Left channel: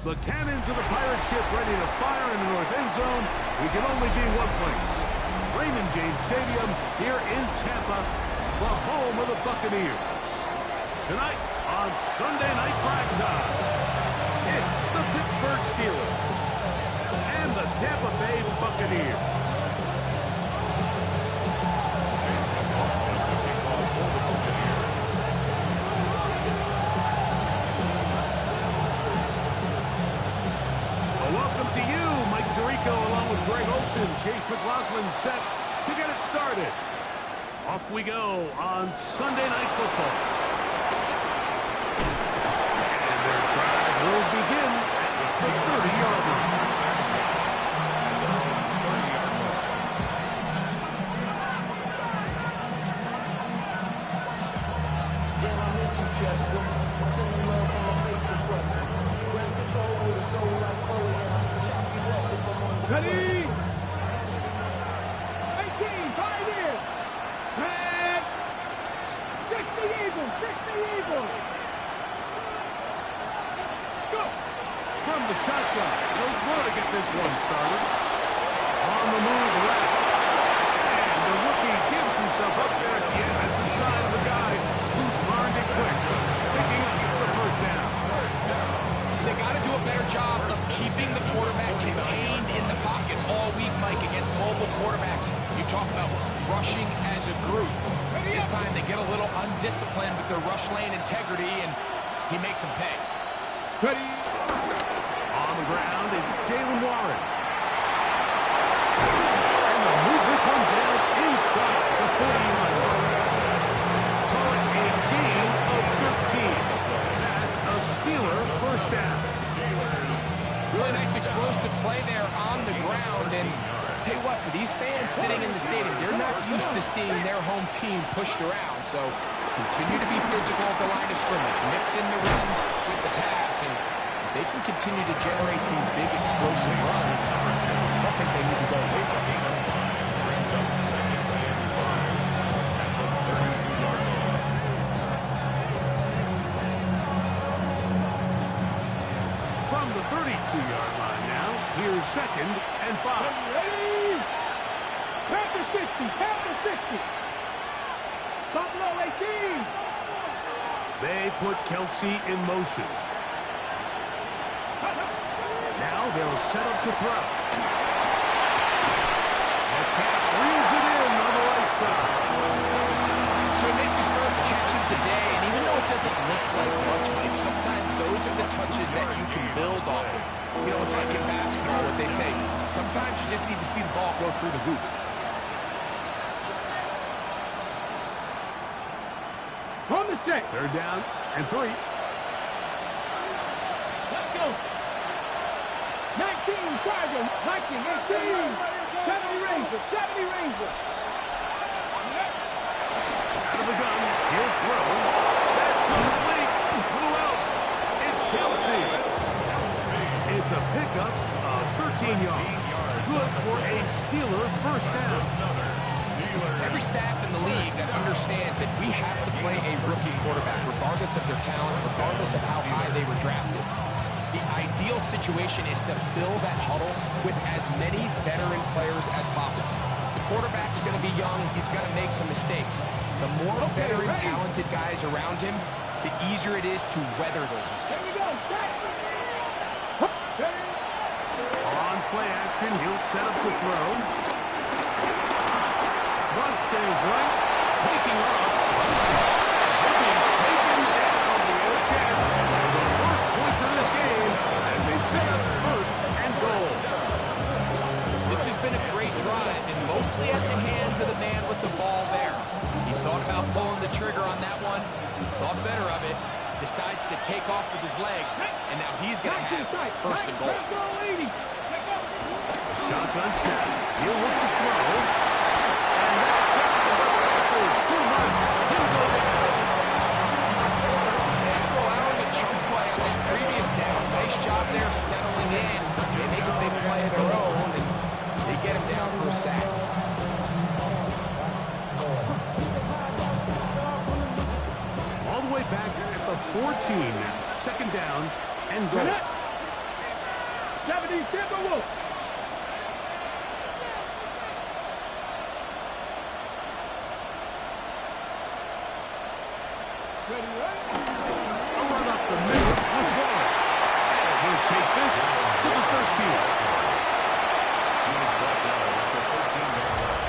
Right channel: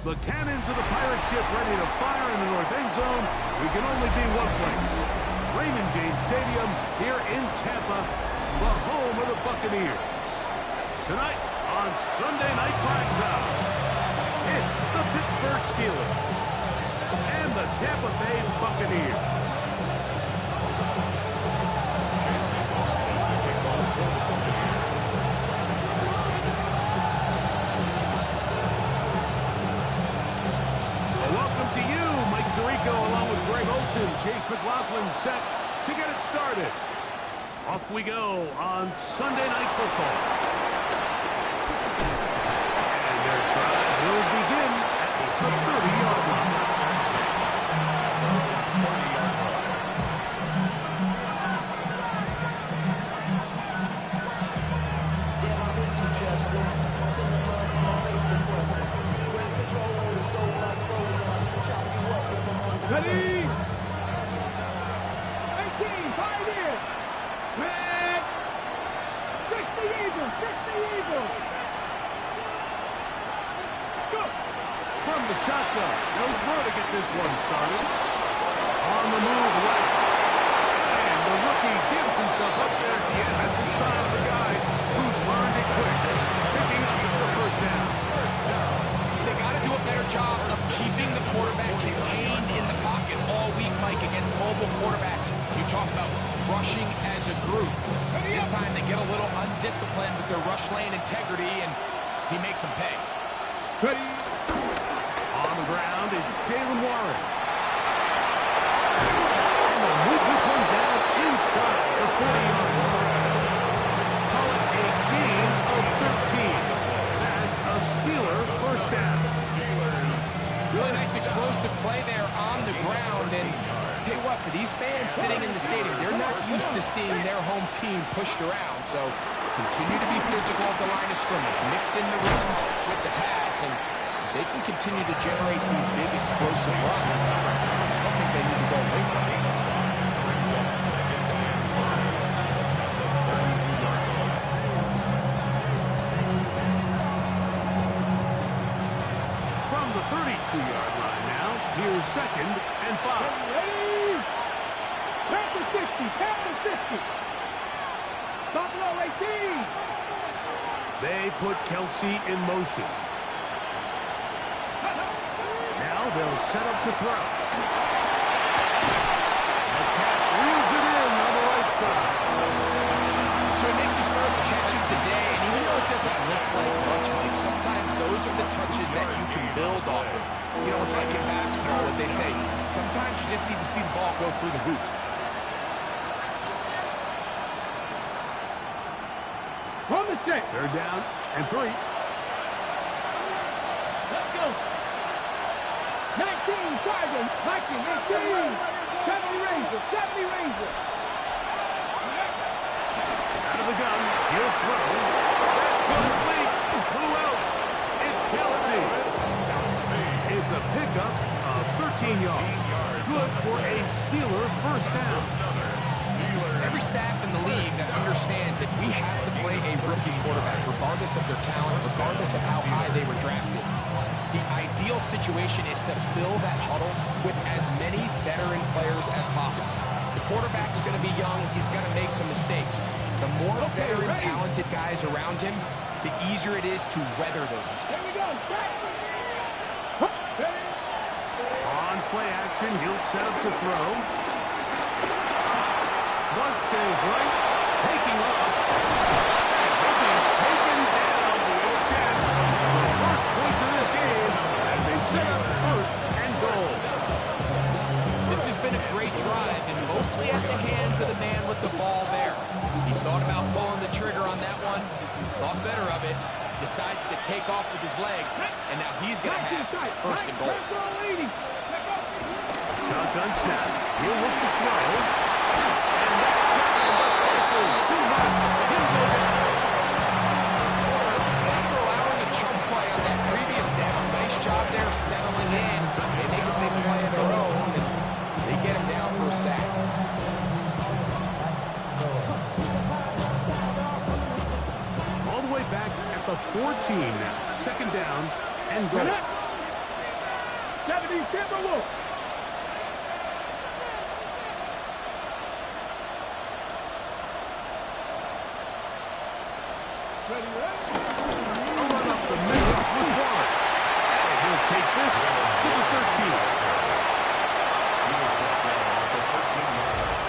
The cannons of the pirate ship ready to fire in the north end zone. We can only be one place. Raymond James Stadium here in Tampa, the home of the Buccaneers. Tonight on Sunday Night Primetime, it's the Pittsburgh Steelers and the Tampa Bay Buccaneers. Welcome to you, Mike Tirico, along with Greg Olson. Chase McLaughlin set to get it started. Off we go on Sunday Night Football. And their drive will begin at the 30-yard line. Damn, I miss you, Chester. Sending love from my face compressor. Great control with a soul like Bowie, and I'll chop you up if I'm on the ready? 18, pioneers. Red. 60 Eagles, 60 Eagles. Go. From the shotgun, they'll throw to get this one started. On the move left. And the rookie gives himself up there at the end. That's a sign of a guy who's learned it quick. Picking up the first down. They got to do a better job of keeping the quarterback contained in the pocket all week, Mike, against mobile quarterbacks. You talk about rushing as a group. This time they get a little undisciplined with their rush lane integrity, and he makes them pay. Ready. On the ground is Jalen Warren. And they'll move this one down inside the 40-yard line. Call it a gain of 13. That's a Steeler first down. Really nice explosive play there on the ground. And I'll tell you what, for these fans sitting in the stadium, they're not used to seeing their home team pushed around. So continue to be physical at the line of scrimmage. Mix in the runs with the pass. And they can continue to generate these big explosive runs. I don't think they need to go away from it. Brings up second and 5 at the 32-yard line. From the 32-yard line now, here's second and 5. Ready? Panther 60, Panther 60. Buffalo 18. They put Kelsey in motion. Now they'll set up to throw. Metcalf reels it in on the right side. So he makes his first catch of the day, and even though it doesn't look like much, Mike, sometimes those are the touches that you can build off of. You know, it's like in basketball, what they say, sometimes you just need to see the ball go through the hoop. From the set. Third down and 3. Let's go. 19 Chargers, Viking 18. 70 Rangers, 70 Rangers. Out of the gun, he'll throw. That's complete. Who else? It's Kelsey. It's a pickup of 13 yards. Good for a Steeler first down. Every staff in the league that understands that we have to play a rookie quarterback, regardless of their talent, regardless of how high they were drafted. The ideal situation is to fill that huddle with as many veteran players as possible. The quarterback's going to be young. He's going to make some mistakes. The more veteran, talented guys around him, the easier it is to weather those mistakes. On play action, he'll set up to throw. Flush to his right, taking off. And he'll be taken down. We have a chance. The first points of this game as they set up first and goal. This has been a great drive, and mostly at the hands of the man with the ball there. He thought about pulling the trigger on that one, thought better of it, decides to take off with his legs, and now he's going to have first and goal. Shotgun snap. He'll look to throw. And that's out of the pressure. Too much. He'll go down. After allowing a chunk play on that previous down, nice job there settling in. They make a big play of their own, and they get him down for a sack. All the way back at the 14 now. Second down and goal. 70 Timberwolves. Ready, ready? A run up the middle with one. And he'll take this to the 13. He was brought down at the 13-yard line.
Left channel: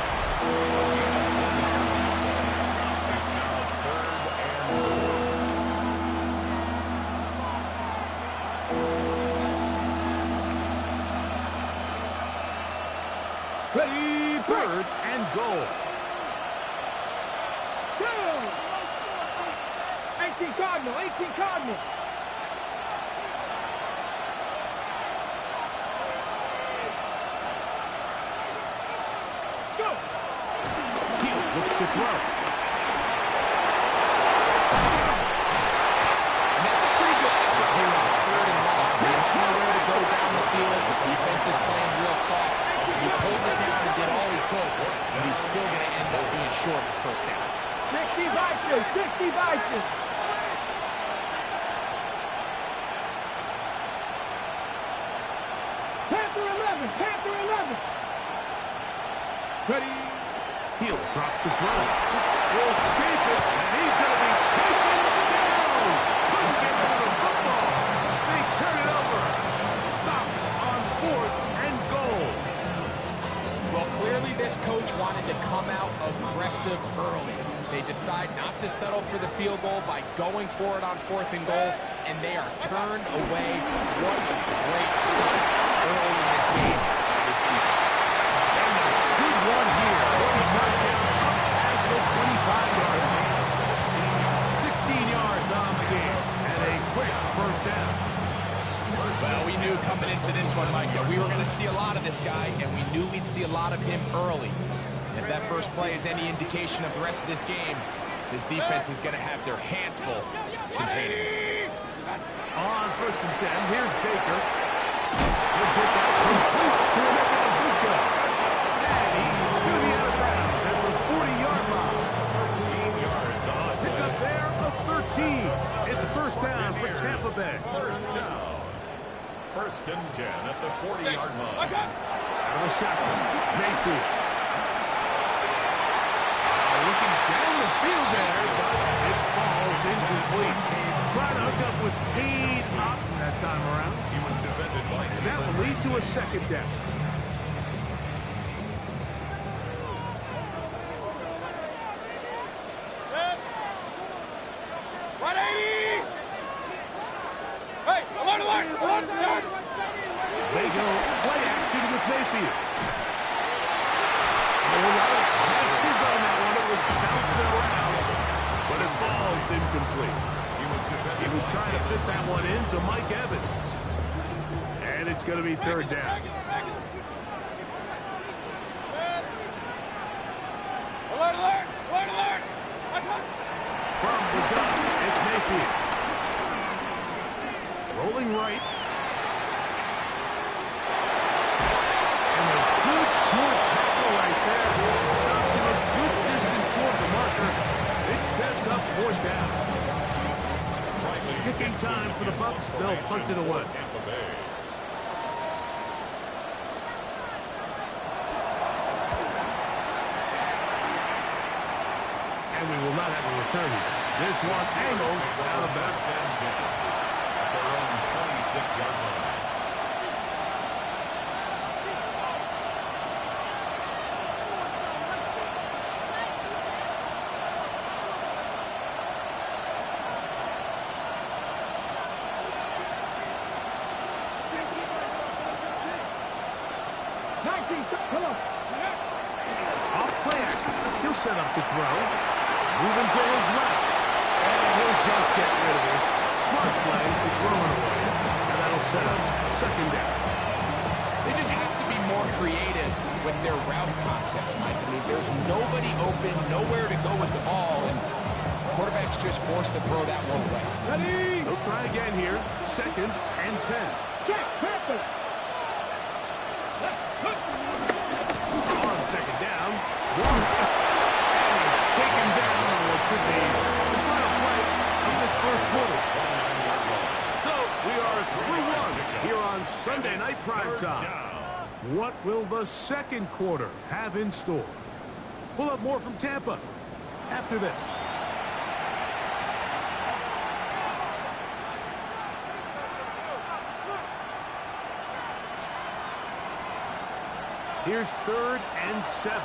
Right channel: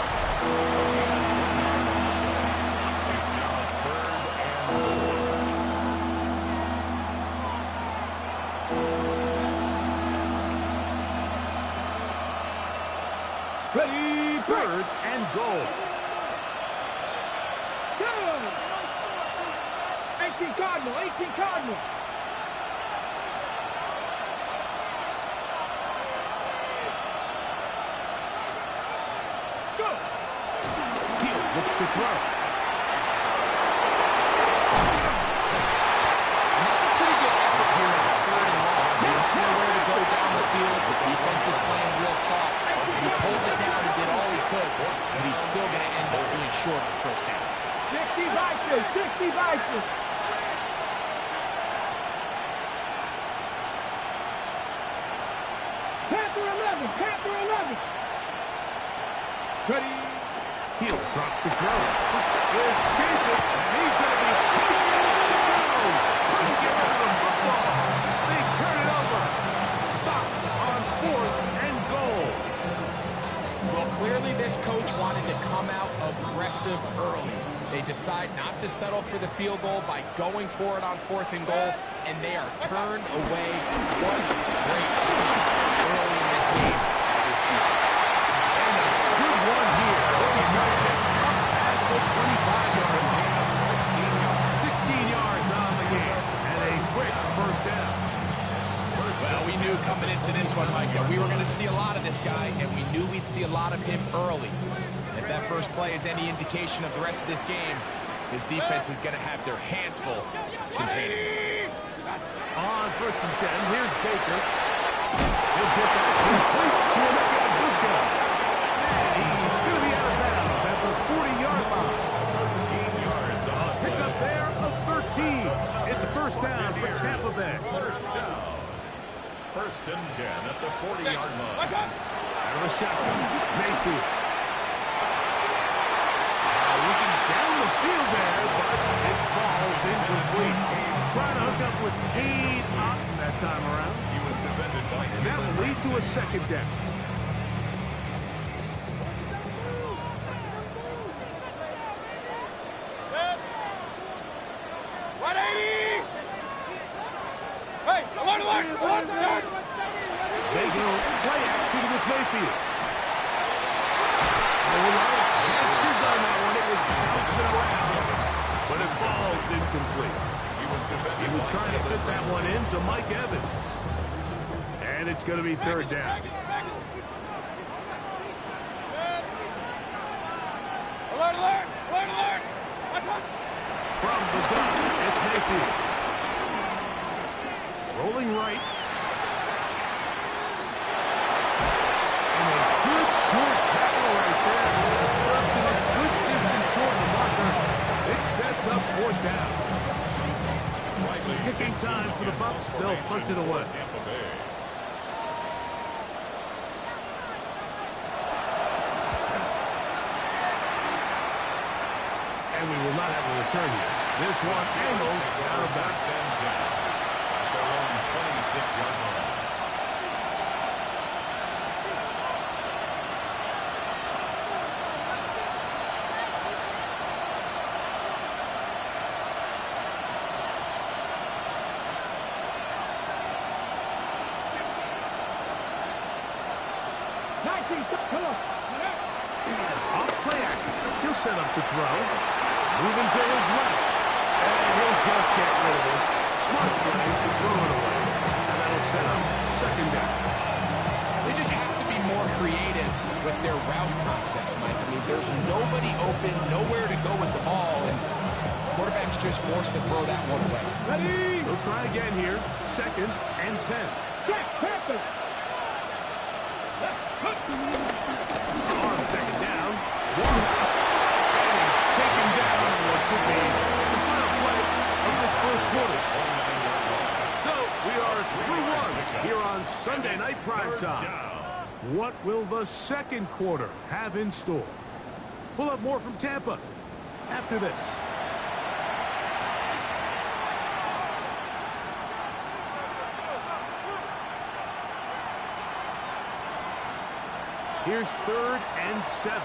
It's now 3rd and goal. Ready, 3rd and goal. go! 18 Cardinal, 18 Cardinal. Let's go. He'll look to throw. And that's a pretty good effort here on 3rd and long. They don't know where to go down the field. The defense is playing real soft. He pulls it down and did all he could, but he's still going to end up being short of the first down. 60 Vikings, 60 Vikings. Panther 11, Panther 11. Ready. He'll drop to throw. Escape it, and he's going to be taken down. Couldn't get rid of the football. They turn it over. Stopped on 4th and goal. Well, clearly this coach wanted to come out aggressive early. They decide not to settle for the field goal by going for it on 4th and goal, and they are turned away. What a great stop early in this game by this defense. And a good one here. He'll be knocked down up past the 25-yard line. 16 yards on the game, and a quick first down. Well, we knew coming into this one, Mike, that we were going to see a lot of this guy, and we knew we'd see a lot of him early. If that first play is any indication of the rest of this game, his defense is going to have their hands full containing him. On 1st and 10, here's Baker. He'll get that complete to Emeka Buka. And he's going to be out of bounds at the 40-yard line. 13 yards on the Pick up there of 13. It's a first down for Tampa Bay. First down. 1st and 10 at the 40-yard line. Out of the shotgun, Mayfield. Looking down the field there, but it falls incomplete. Trying to hook up with Pete up that time around. He was defended by And that will lead to a second down. They go play action with Mayfield. A lot of chances on that one. It was bouncing around, but it falls incomplete. He was trying to fit that one into Mike Evans. And it's going to be 3rd down. Alert, alert, alert, alert. From the gun, it's Mayfield. Rolling right. And a good short tackle right there. It stops him a good distance short of the marker. It sets up 4th down. Kicking time for the Bucs. They'll punt it away. Tampa Bay. And we will not have a return here. This one angled out of bounds. At their own 26-yard line. Come on. Off play action. He'll set up to throw. Moving to his left. And he'll just get rid of this. Smart play to throw it away. And that'll set up 2nd down. They just have to be more creative with their route concepts, Mike. I mean, there's nobody open, nowhere to go with the ball, and quarterback's just forced to throw that one away. Ready. They'll try again here. 2nd and 10. Jack Panther. On 2nd down. Walker. And he's taken down on what should be the final play of this first quarter. So we are through one here on Sunday Night Primetime. What will the second quarter have in store? We'll have more from Tampa after this. Here's 3rd and 7.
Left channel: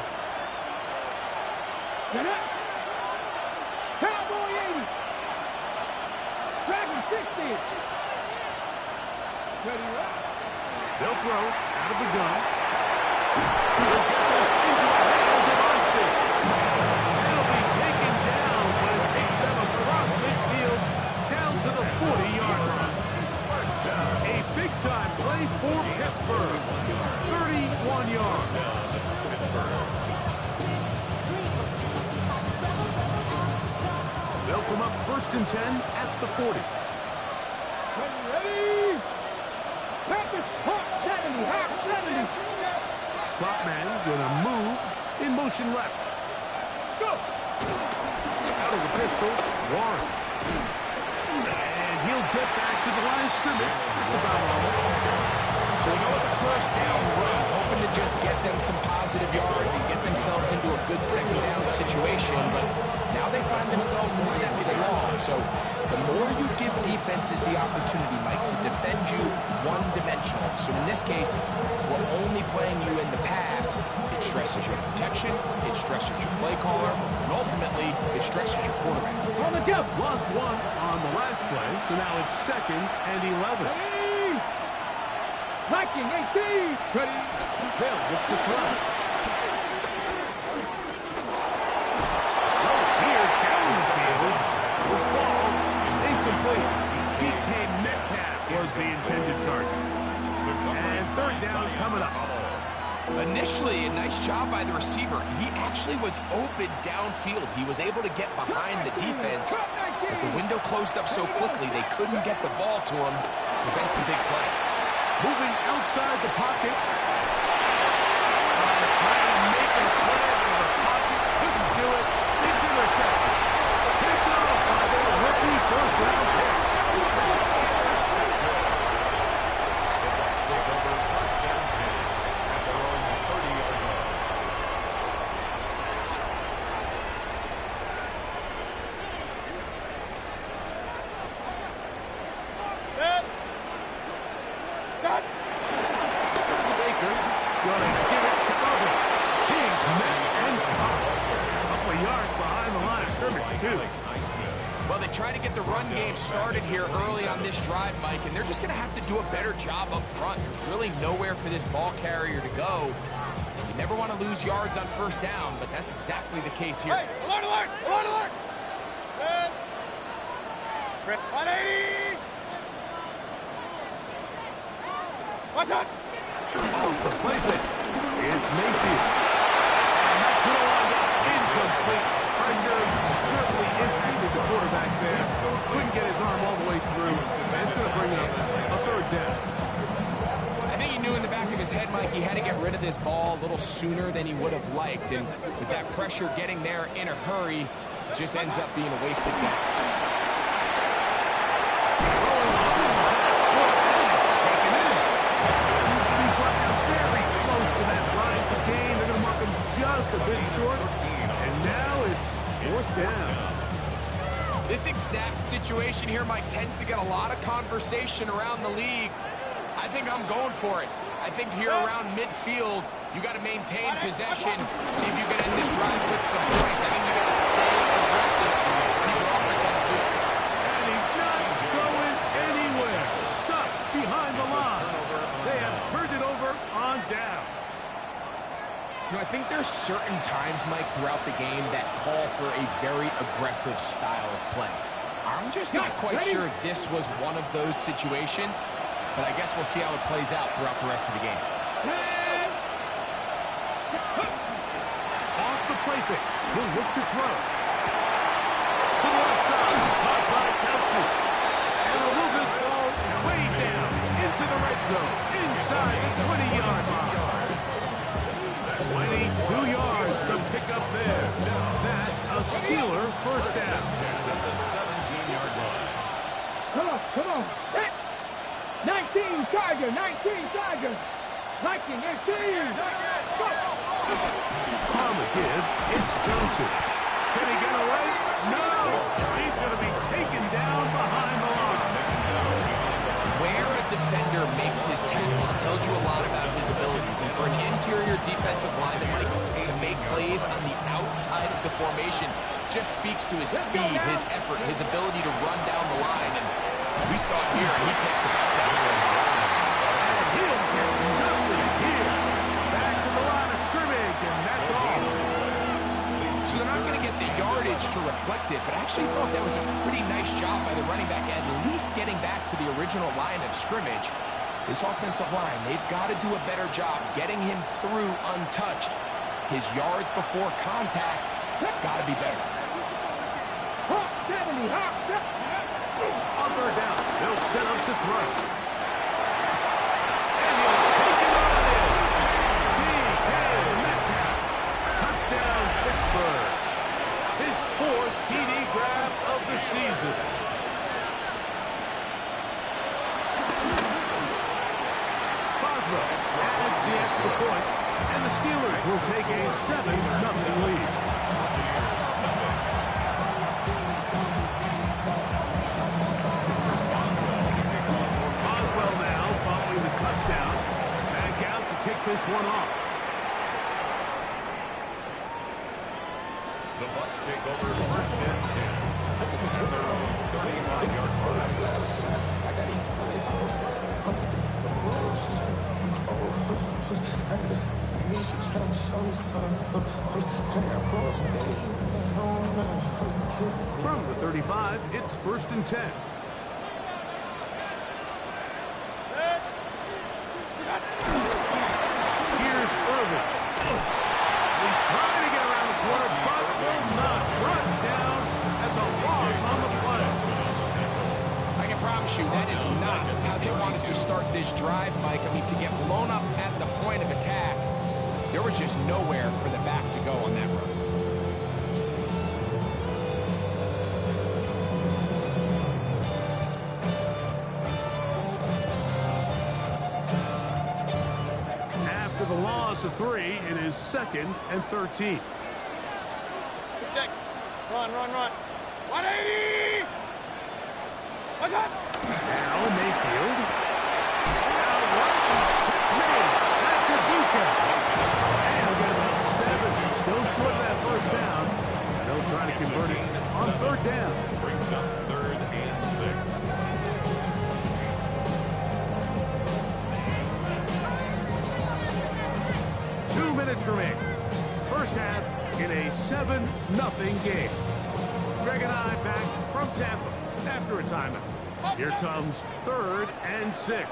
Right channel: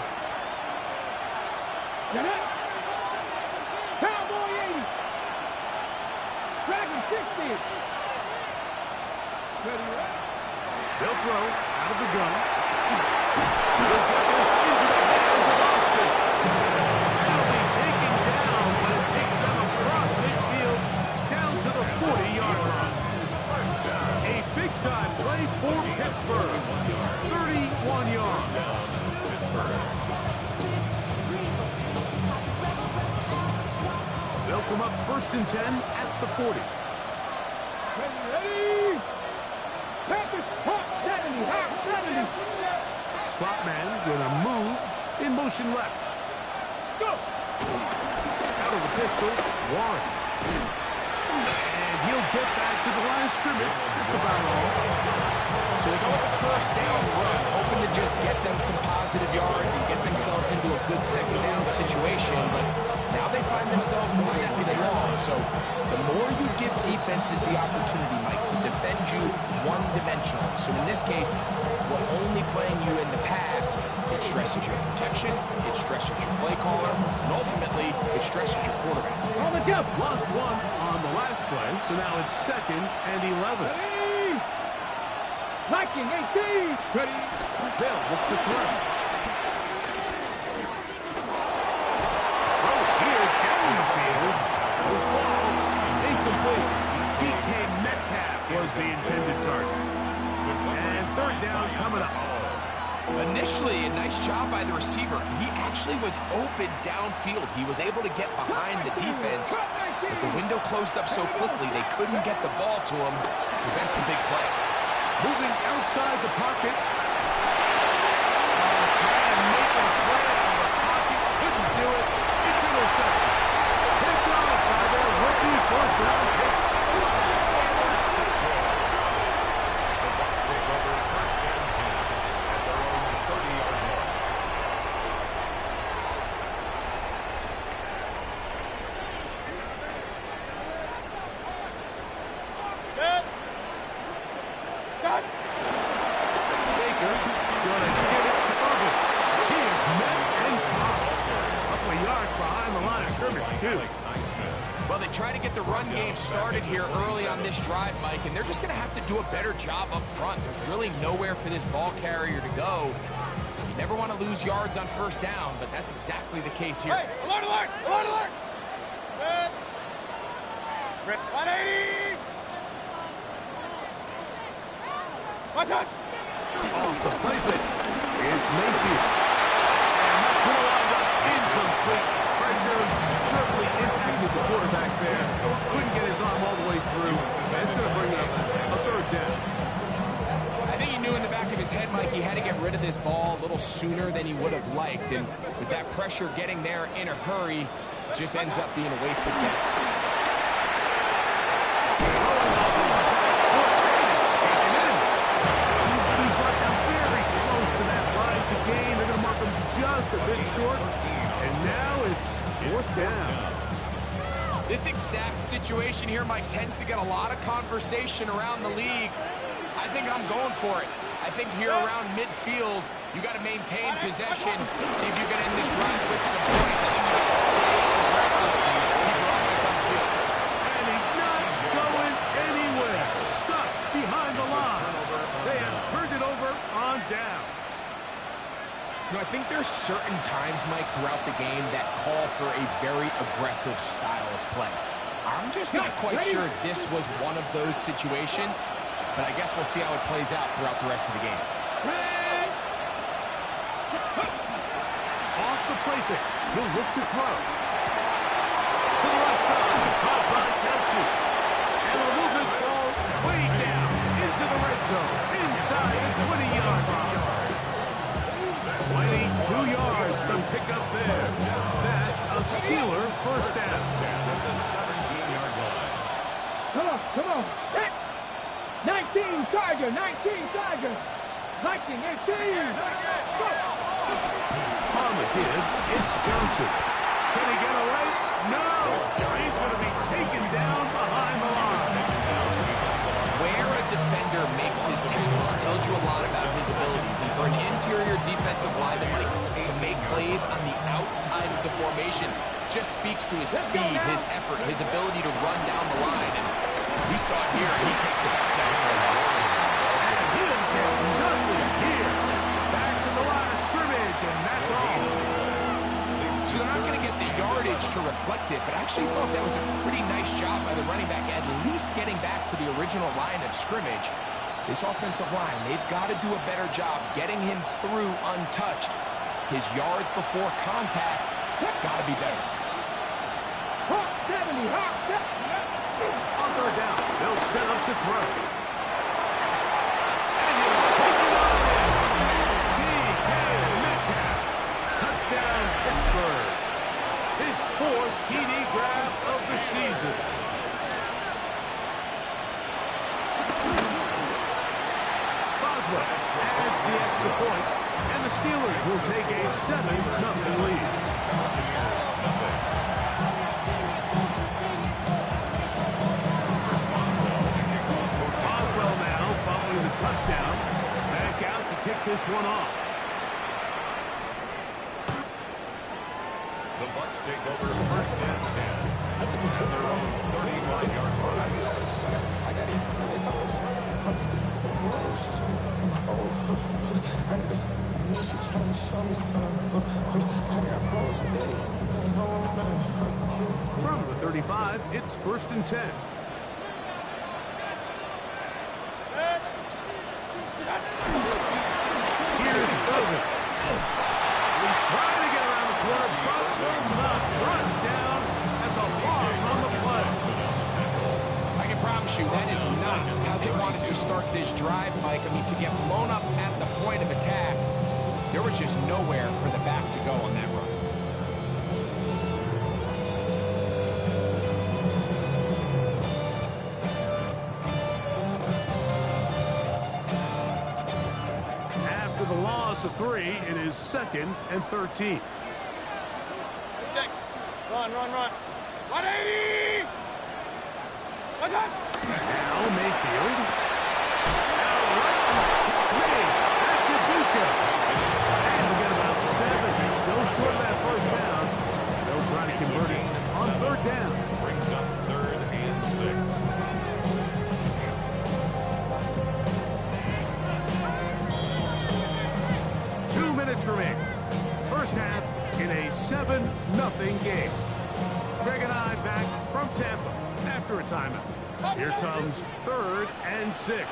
Get up. Cowboy 80. Dragon 60. Ready, right? They'll throw out of the gun. He'll get this into the hands of Austin. It'll be taken down when it takes them across midfield down to the 40-yard line. A big-time play for Pittsburgh. 31 yards. They'll come up 1st and 10 at the 40. Ready. Packers, hot 70, hot 70. Slot man gonna move in motion left. Let's go. Out of the pistol, Warren. And he'll get back to the line of scrimmage. That's about all. So they go with the 1st down run, hoping to just get them some positive yards and get themselves into a good 2nd down situation, but now they find themselves in 2nd and long. So the more you give defenses the opportunity, Mike, to defend you one-dimensionally. So in this case, we're only playing you in the pass. It stresses your protection, it stresses your play caller, and ultimately, it stresses your quarterback. On the jump. Lost one on the last play, so now it's 2nd and 11. Ready. Viking 18. Ready. They'll look to throw. Throw here down the field. Will fall. Incomplete. DK Metcalf was the intended target. And 3rd down coming up. Initially, a nice job by the receiver. He actually was open downfield. He was able to get behind the defense, but the window closed up so quickly they couldn't get the ball to him. Prevents the big play. Moving outside the pocket. Trying to make a play out of the pocket. Couldn't do it. It's intercepted. Picked off by their rookie 1st-round pick. The Bucs take over 1st and 10 at their own 30-yard line. Baker gonna give it to Irvin. He is met and caught. A couple of yards behind the line of scrimmage, too. Well, they try to get the run game started here early on this drive, Mike, and they're just going to have to do a better job up front. There's really nowhere for this ball carrier to go. You never want to lose yards on 1st down, but that's exactly the case here. Hey, alert, alert, alert, alert. Good. 180. What's up? Off the play fake. It's Mayfield. And that's going to wind up incomplete. Pressure certainly impacted the quarterback there. Couldn't get his arm all the way through. And it's going to bring up a 3rd down. I think he knew in the back of his head, Mike, he had to get rid of this ball a little sooner than he would have liked. And with that pressure getting there in a hurry, it just ends up being a wasted down. Throwing off his back foot, and it's taken in. He's going to be brought down very close to that line to gain. They're going to mark him just a bit short. And now it's 4th down. This exact situation here, Mike, tends to get a lot of conversation around the league. I think I'm going for it. I think here around midfield, you got to maintain possession, see if you can end this drive with some points. I think you got to stay aggressive and keep your offense on the field. And he's not going anywhere. Stuffed behind the line. They have turned it over on downs. You know, I think there's certain times, Mike, throughout the game that call for a very aggressive style of play. I'm just not quite sure this was one of those situations, but I guess we'll see how it plays out throughout the rest of the game. Off the play fake. He'll look to throw. To the left side. Caught by Kelsey. And will move this ball way down into the red zone. Inside the 20-yard line. 22 yards to pick up there. That's a Steeler 1st down. At the 17-yard line. Come on, come on. Hey. 19 Tigers, 19 Tigers. 19, 18. Go. On the give, it's Johnson. Can he get away? No! He's going to be taken down behind the line. Where a defender makes his tackles tells you a lot about his abilities. And for an interior defensive lineman, Mike, to make plays on the outside of the formation just speaks to his speed, his effort, his ability to run down the line. And we saw it here, and he takes the back down for a loss. And he'll get nothing here. Back to the line of scrimmage, and that's all. So they're not going to get the yardage to reflect it, but I actually thought that was a pretty nice job by the running back, at least getting back to the original line of scrimmage. This offensive line, they've got to do a better job getting him through untouched. His yards before contact got to be better. Hawk 70, Hawk 70. On third down, they'll set up to throw. And he'll take it on in. DK Metcalf. Touchdown, Pittsburgh. His fourth TD grab of the season. Boswell adds the extra point, and the Steelers will take a 7-0 lead. Boswell now following the touchdown. Back out to kick this one off. The Bucs take over first and 10. At their own 35-yard line. From the 35, it's first and 10. Here's Irvin. He's trying to get around the corner, but will not. Run down. That's a loss on the play. I can promise you that is not how they wanted to start this drive, Mike. I mean, to get blown up at the point of attack, there was just nowhere for the back to go on that run. After the loss of 3, it is 2nd and 13. Run, run, run. 180. What's up? Now Mayfield. Out right. It's made. That's Ibuka. And he'll get about 7. Still short of that first down. And they'll try to convert it on third down. Brings up 3rd and 6. 2 minutes remain. First half in a 7-0 game. Greg and I back from Tampa after a timeout. Here comes 3rd and 6.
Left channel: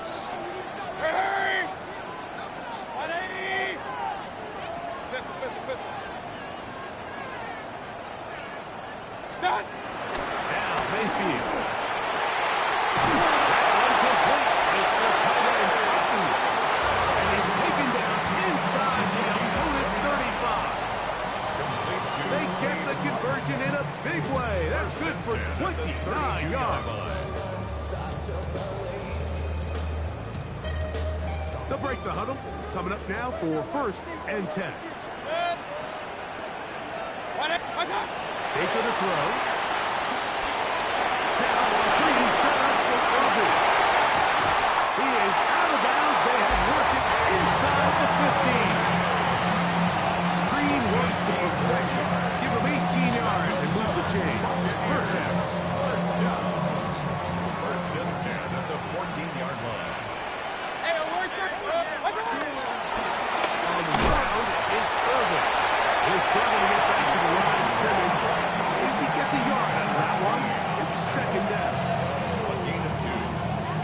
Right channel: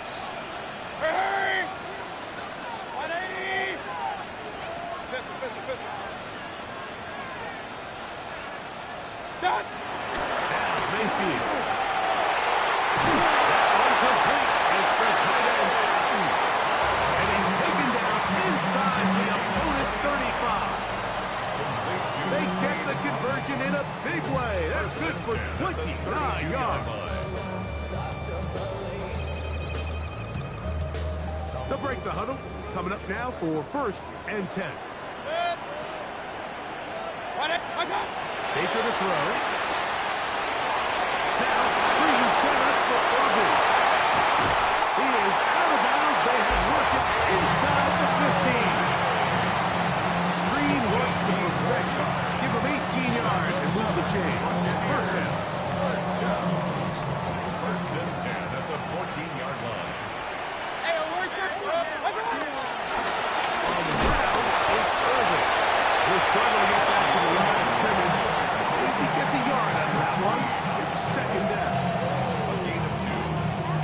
Hurry! 180. 50. Stop. Now Mayfield. That one complete. It's the tight end, Hutton. And he's taken down inside the opponent's 35. They get the conversion in a big way. That's good for 29 yards. They'll break the huddle. Coming up now for 1st and 10. Baker to throw. Now, screen set up for Irvin. He is out of bounds. They have worked it inside the 15. Screen works to perfection. Give him 18 yards and move the chain. First down. First and 10 at the 14-yard line. On the ground, it's Irvin. He'll struggle to get back to the line of scrimmage. If he gets a yard out of that one, it's 2nd down. A gain of 2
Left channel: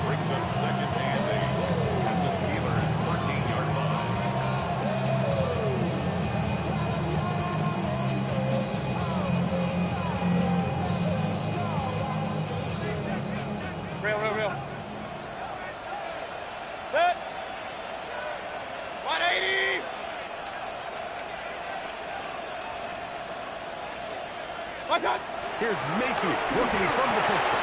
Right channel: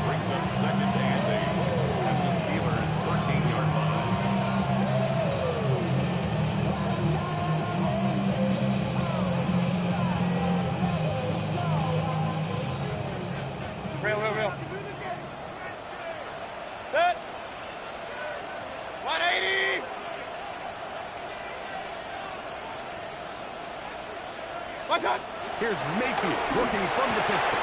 brings up 2nd and 8 at the Steelers' 14-yard line. Real. Set. 180. What's up? Here's Mayfield working from the pistol.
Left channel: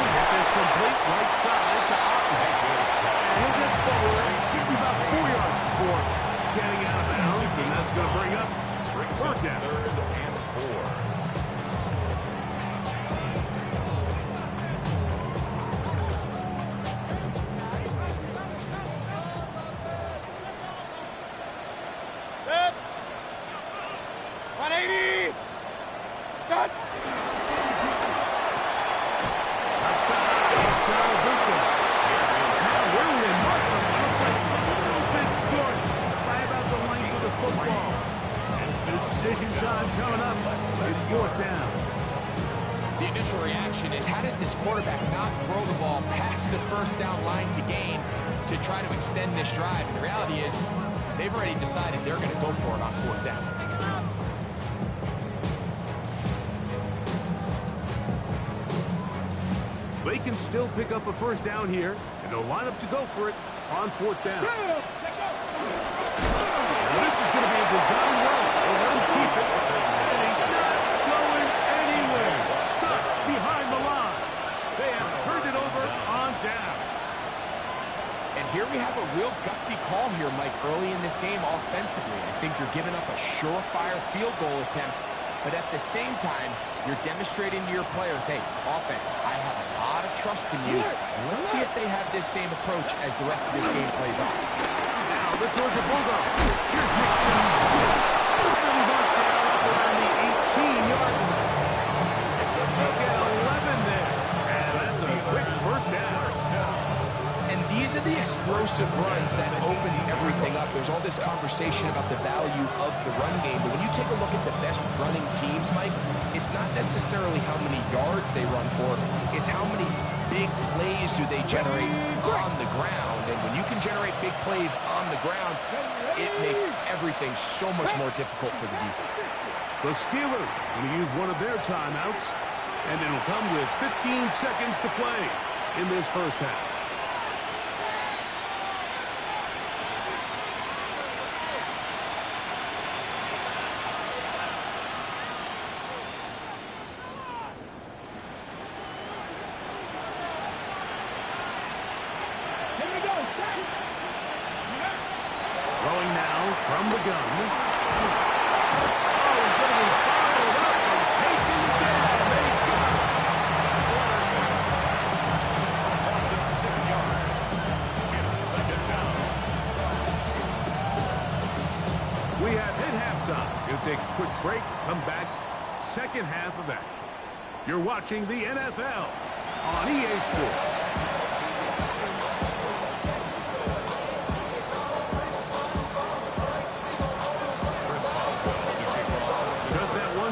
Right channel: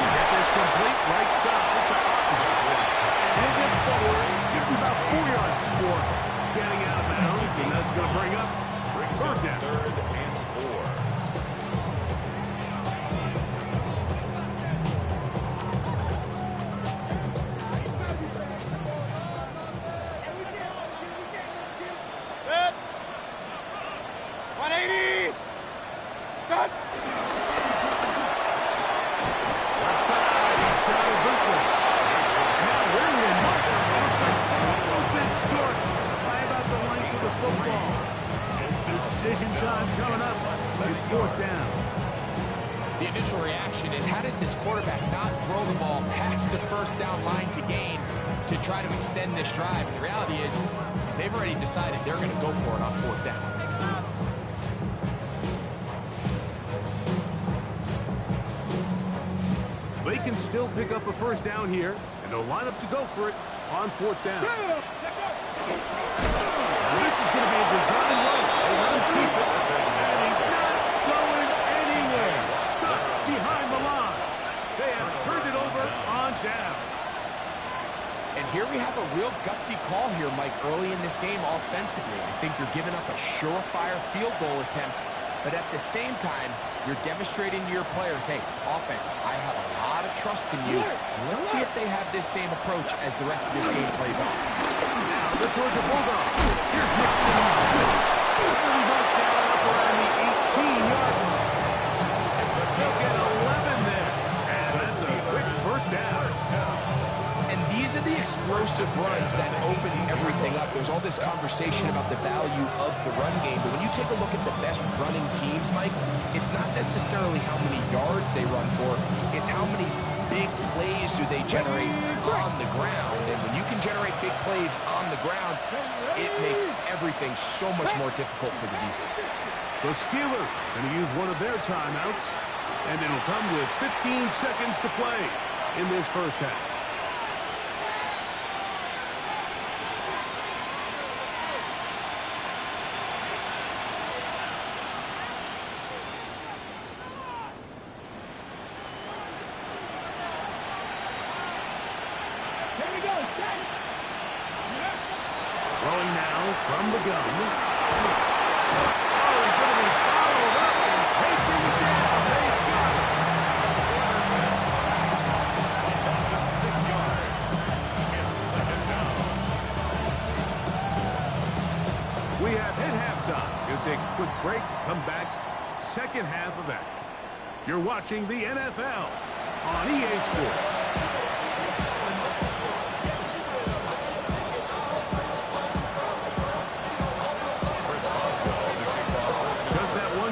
Get this complete right side to Otten. And he'll get forward just about 4 yards before getting out of bounds, and that's going to bring up third down. 3rd and 4. Set. 180. Start. Left side, he's got a Bucs. Now we're in Markham. Looks like a little bit short, just by about the length of the football. Decision time coming up. It's 4th down. The initial reaction is, how does this quarterback not throw the ball past the first down line to gain to try to extend this drive? And the reality is they've already decided they're going to go for it on 4th down. They can still pick up a first down here, and they'll line up to go for it on 4th down. Now this is going to be a design run. They let him keep it, and he's not going anywhere. Stuck behind the line. They have turned it over on downs. And here we have a real gutsy call here, Mike, early in this game offensively. I think you're giving up a surefire field goal attempt, but at the same time, you're demonstrating to your players, hey, offense, I have a lot of trust in you. And let's see if they have this same approach as the rest of this game plays on. Now the Georgia Bulldogs. Here's Nick Jones. Barely marked down up around the 18-yard line. They'll get 11 there. And that's a quick first down. And these are the explosive runs that open everything up. There's all this conversation about the value of the run game, but when you take a look at the best running teams, Mike, it's not necessarily how many yards they run for, it's how many big plays do they generate on the ground. And when you can generate big plays on the ground, it makes everything so much more difficult for the defense. The Steelers going to use one of their timeouts, and it'll come with 15 seconds to play in this first half. Throwing now from the gun. Oh, he's going to be followed up and taken down. They got it. Loss of 6 yards. It's 2nd down. We have hit halftime. Going to take a quick break. Come back. Second half of action. You're watching the NFL on EA Sports.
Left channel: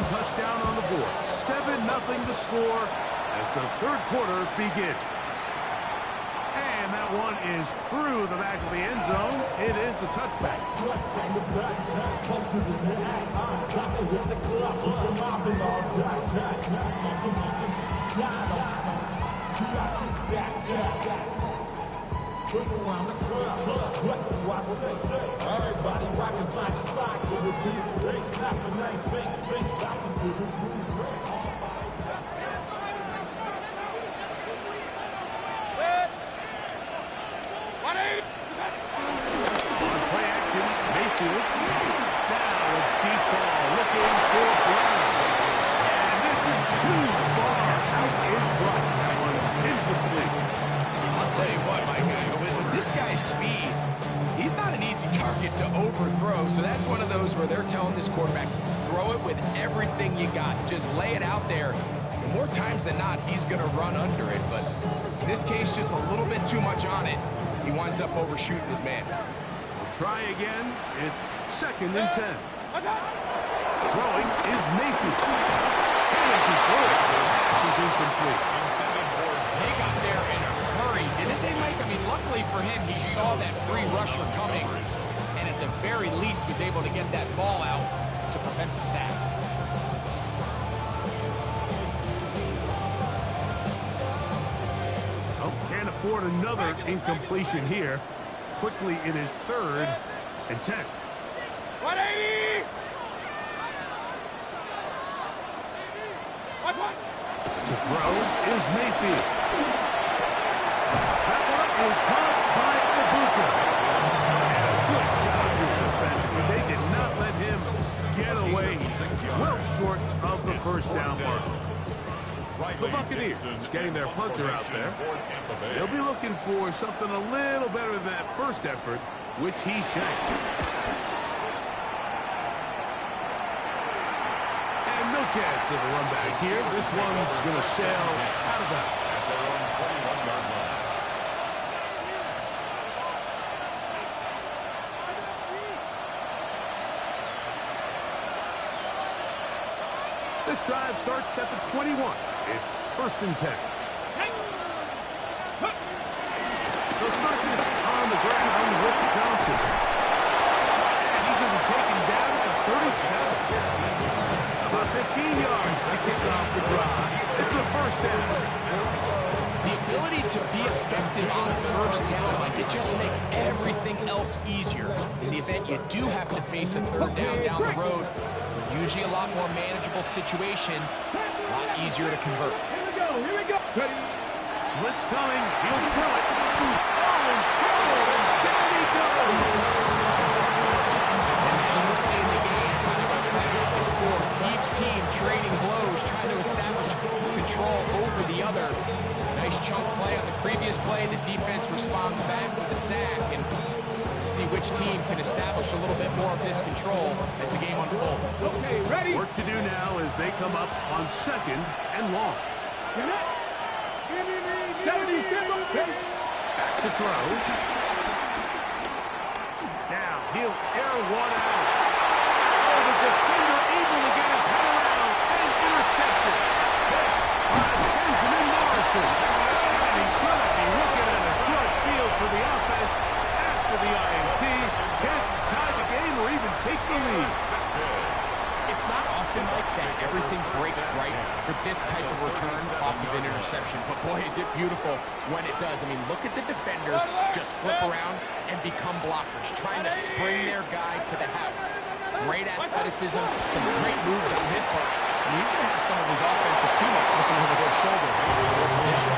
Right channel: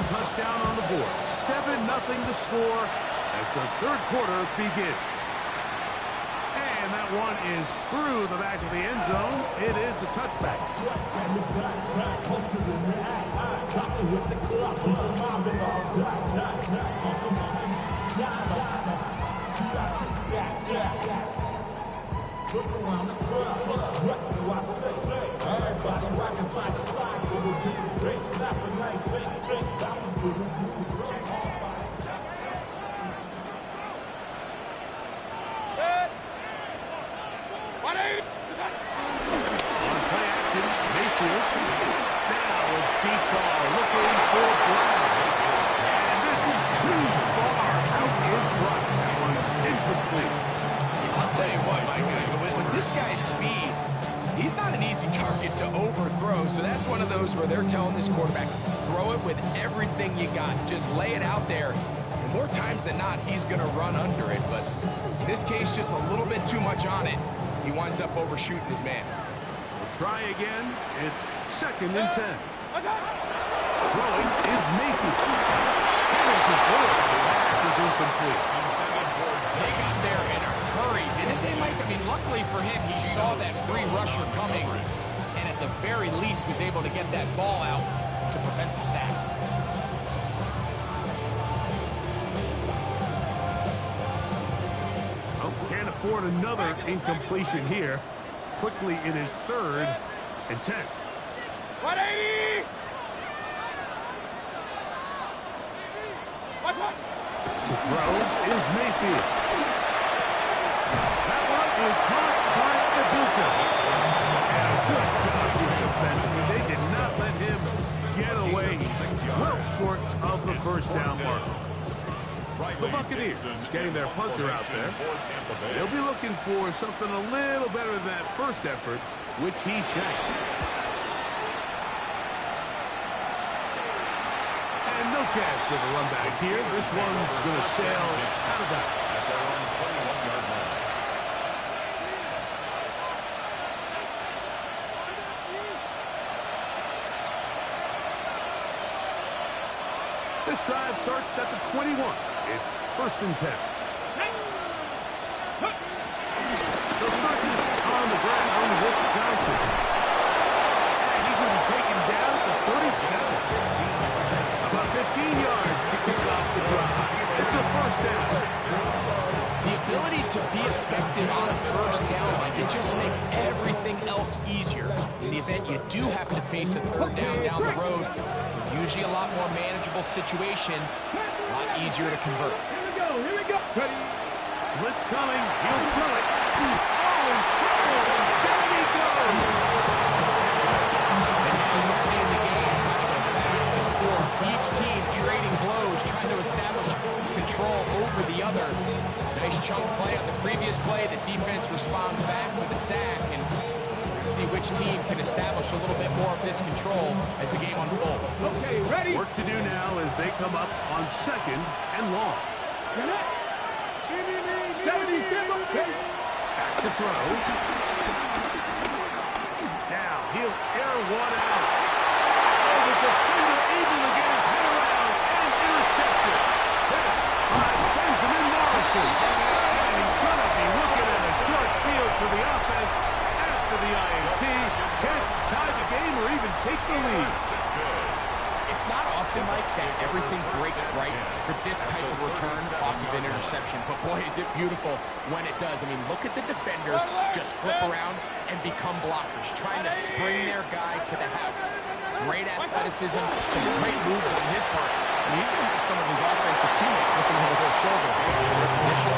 Touchdown on the board. 7-0 the score as the third quarter begins. And that one is through the back of the end zone. It is a touchback. Look around the crowd, what do I say? Everybody rocking side to side to the beat. They snapping, they fake drinks, bouncing to the groove. All bodies just Set. 180. On play action, Mayfield. Now a deep ball looking for Brown. And this is too far out in front. That one's incomplete. I'll tell you what, Mike, with this guy's speed, he's not an easy target to overthrow, so that's one of those where they're telling this quarterback, throw it with everything you got. Just lay it out there. And more times than not, he's going to run under it, but in this case, just a little bit too much on it. He winds up overshooting his man. We'll try again. It's 2nd and 10. Throwing is Mayfield. And as he throws it, the pass is incomplete. They got there in a hurry, didn't they, Mike? I mean, luckily for him, he saw that free rusher coming, and at the very least was able to get that ball out to prevent the sack. Oh, can't afford another incompletion here. Quickly, it is 3rd and 10. 180. To throw is Mayfield. That one is caught by Ibuka. And a good job here defensively. They did not let him get away. Well short of the first down mark. The Buccaneers getting their punter out there. They'll be looking for something a little better than that first effort, which he shanked. And no chance of a run back here. This one's going to sail out of bounds. At their own 21-yard line. This drive starts at the 21. It's 1st and 10. They'll start this on the ground with Johnson. And he's going to be taken down at the 37. About 15 yards to kick off the drive. It's a first down. The ability to be effective on first down, Mike, it just makes everything else easier. In the event you do have to face a third down the road, usually a lot more manageable situations, a lot easier to convert. Here we go. Ready? Blitz coming. He'll throw it. Oh, in trouble. And down he goes. And now we're seeing the game kind of go back and forth. Each team trading blows, trying to establish control over the other. Nice chunk play on the previous play. The defense responds back with a sack, and see which team can establish a little bit more of this control as the game unfolds. Okay, ready? Work to do now as they come up on 2nd and long. Back to throw. Now he'll air one out. Oh, the defender able to get his head around and intercepted. There by Benjamin Morrison. And he's going to be looking at a short field for the offense after the INT. Can't tie the game or even take the lead. It's not often, Mike, that everything breaks right for this type of return off of an interception. But, boy, is it beautiful when it does. I mean, look at the defenders just flip around and become blockers, trying to spring their guy to the house. Great athleticism, some great moves on his part. And he's going to have some of his offensive teammates looking over their shoulder for their position.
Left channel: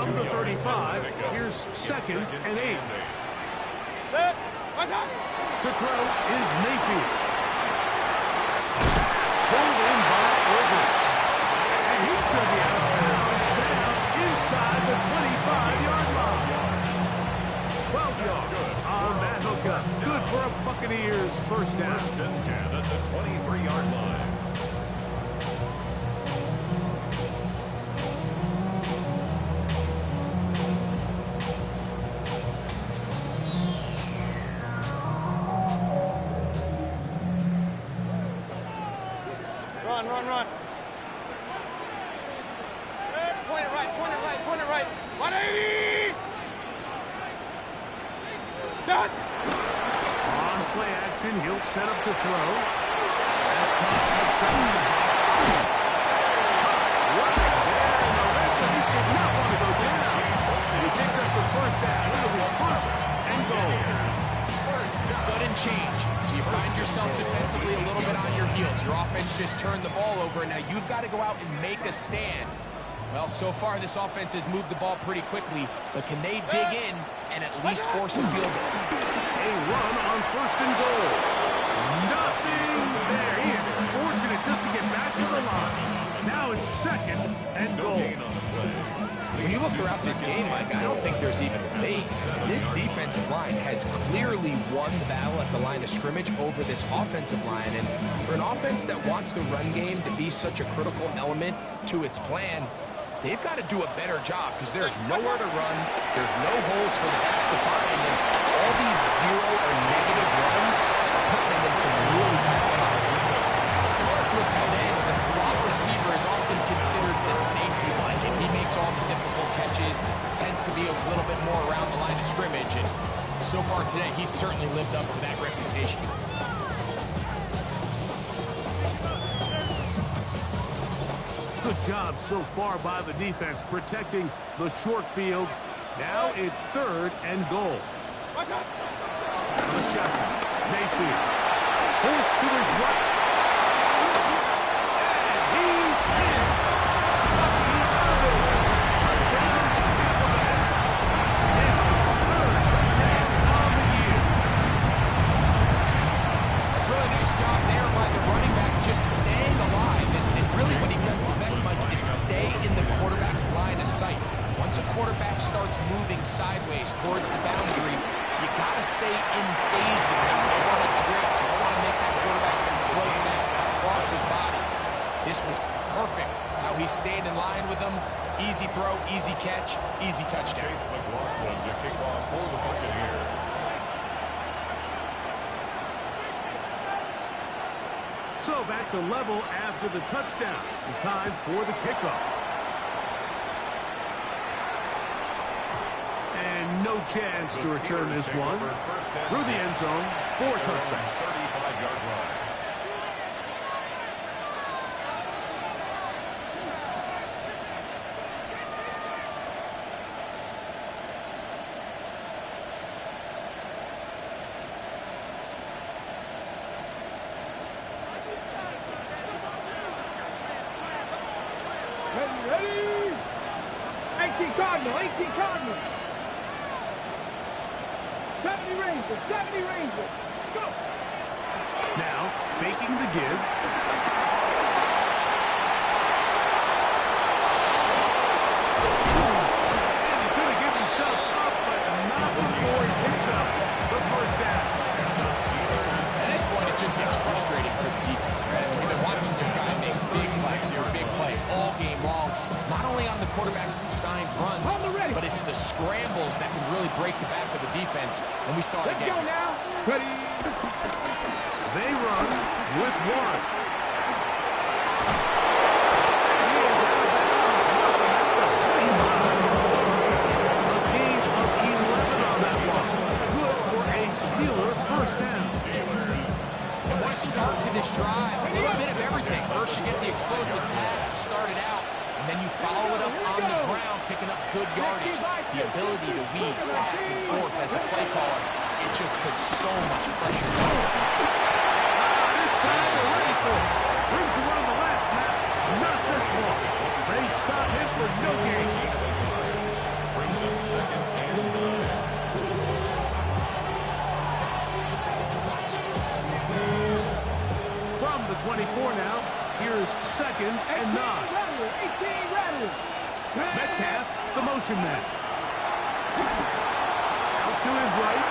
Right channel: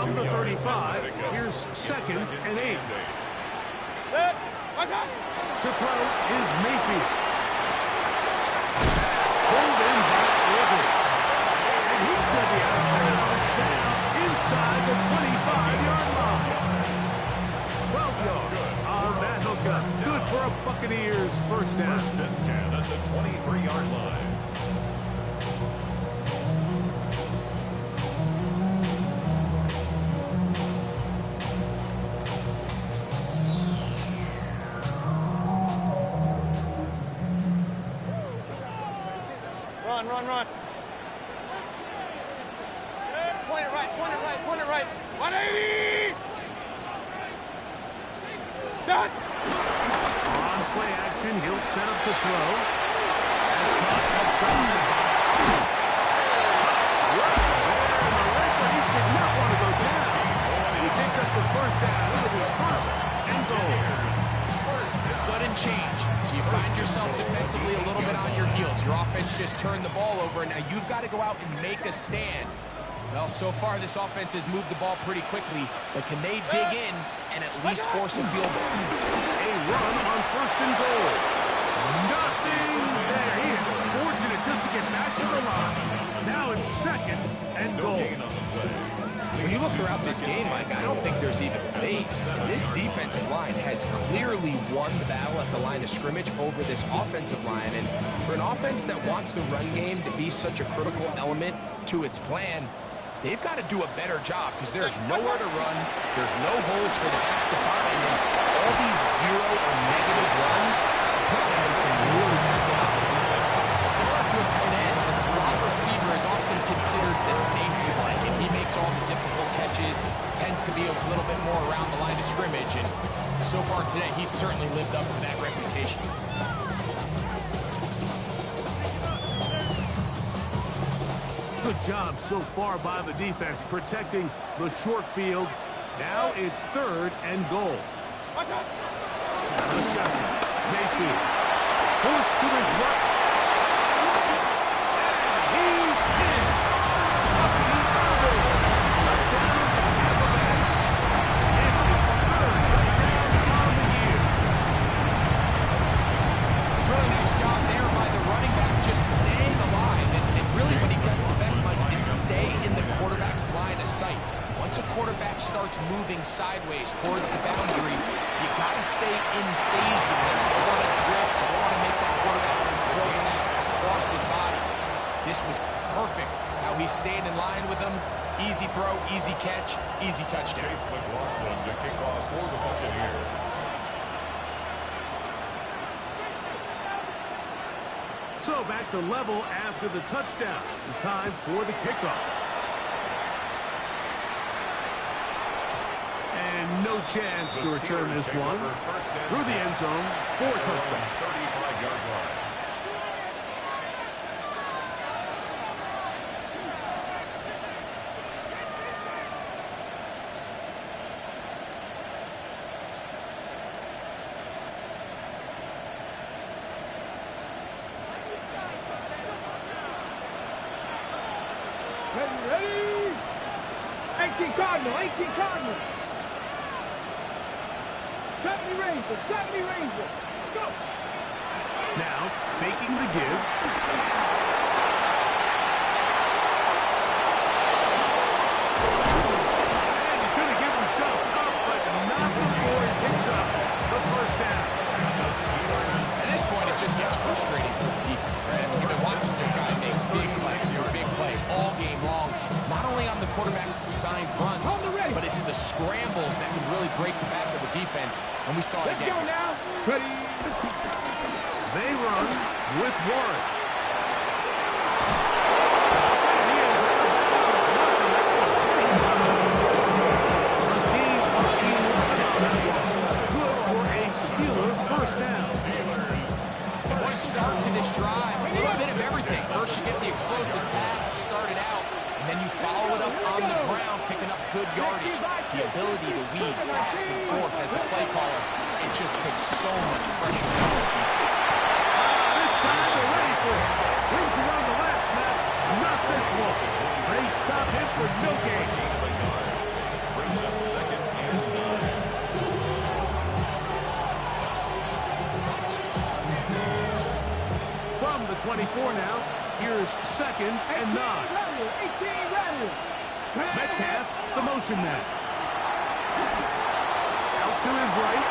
From the 35, here's 2nd and 8. To throw is Mayfield. Pass pulled in by Irvin. And he's going to be out of bounds down inside the 25-yard line. 12 yards on that hookup. Good for a Buccaneers first down. 1st and 10 at the 23-yard line. Run. Point it right. 180! Start! On play action, he'll set up to throw. That's caught outside. Right there in the red zone. He did not want to go down. And he picks up the first down. It'll be 1st and goal. Sudden change. So you find yourself defensively a little bit on your heels. Your offense just turned the ball over, and now you've got to go out and make a stand. Well, so far this offense has moved the ball pretty quickly, but can they dig in and at least force a field goal? A run on 1st and goal. Nothing there. He is fortunate just to get back to the line. Now it's 2nd and goal. When you look throughout this game, Mike, I don't think there's even debate. This defensive line has clearly won the battle at the line of scrimmage over this offensive line. And for an offense that wants the run game to be such a critical element to its plan, they've got to do a better job because there's nowhere to run. There's no holes for the back to find. And all these zero or negative runs are putting them in some really bad spots. Similar to a tight end, the slot receiver is often considered the safety blanket. He makes all the difficult catches, tends to be a little bit more around the line of scrimmage, and so far today, he's certainly lived up to that reputation. Good job so far by the defense protecting the short field. Now it's 3rd and goal. The shotgun. Mayfield. 40 to his right. And he's in. Bucky Irving. Touchdown, Tampa Bay. It's his third touchdown on the year. Really nice job there by the running back, just staying alive. And really what he does the best, Mike, is stay in the quarterback's line of sight. Once a quarterback starts moving sideways towards the boundary, you got to stay in phase with him. You don't want to drift. You don't want to make that quarterback throw it back across his body. This was perfect how he stayed in line with them. Easy throw, easy catch, easy touchdown. Chase McLaughlin to kick off for the Buccaneers. So back to level after the touchdown. Time for the kickoff. And no chance to return this one. Through the end zone for a touchback. 35-yard line. Ready? 18 Cardinal, 18 Cardinal. 70 Ranger, 70 Ranger. Go. Now, faking the give. And he's going to give himself up, but not before he picks up the first down. At this point, it just gets frustrating for the defense, right? I mean, you've been watching this guy make big plays, big play all game long. Not only on the quarterback-signed runs, but it's the scrambles that can really break the back of the defense, and we saw it Let's again. go now. Ready? They run with Warren. And he is out of bounds. Welcome back to Jimmy Butler. A gain of 11 on that one. Good for a Steeler first down. And what a start to this drive. A little bit of everything. First, you get the explosive pass to start it out, and then you follow it up on the ground, picking up good yardage. The ability to weave back and forth as a play caller, it just puts so much pressure on the defense. This time they're ready for it. Room to run the last snap. Not this one. They stop him for no gain. Gain of a yard. Brings up second and 9. From the 24 now, here's second and 9. 18 Rattler. Metcalf, the motion man. Out to his right.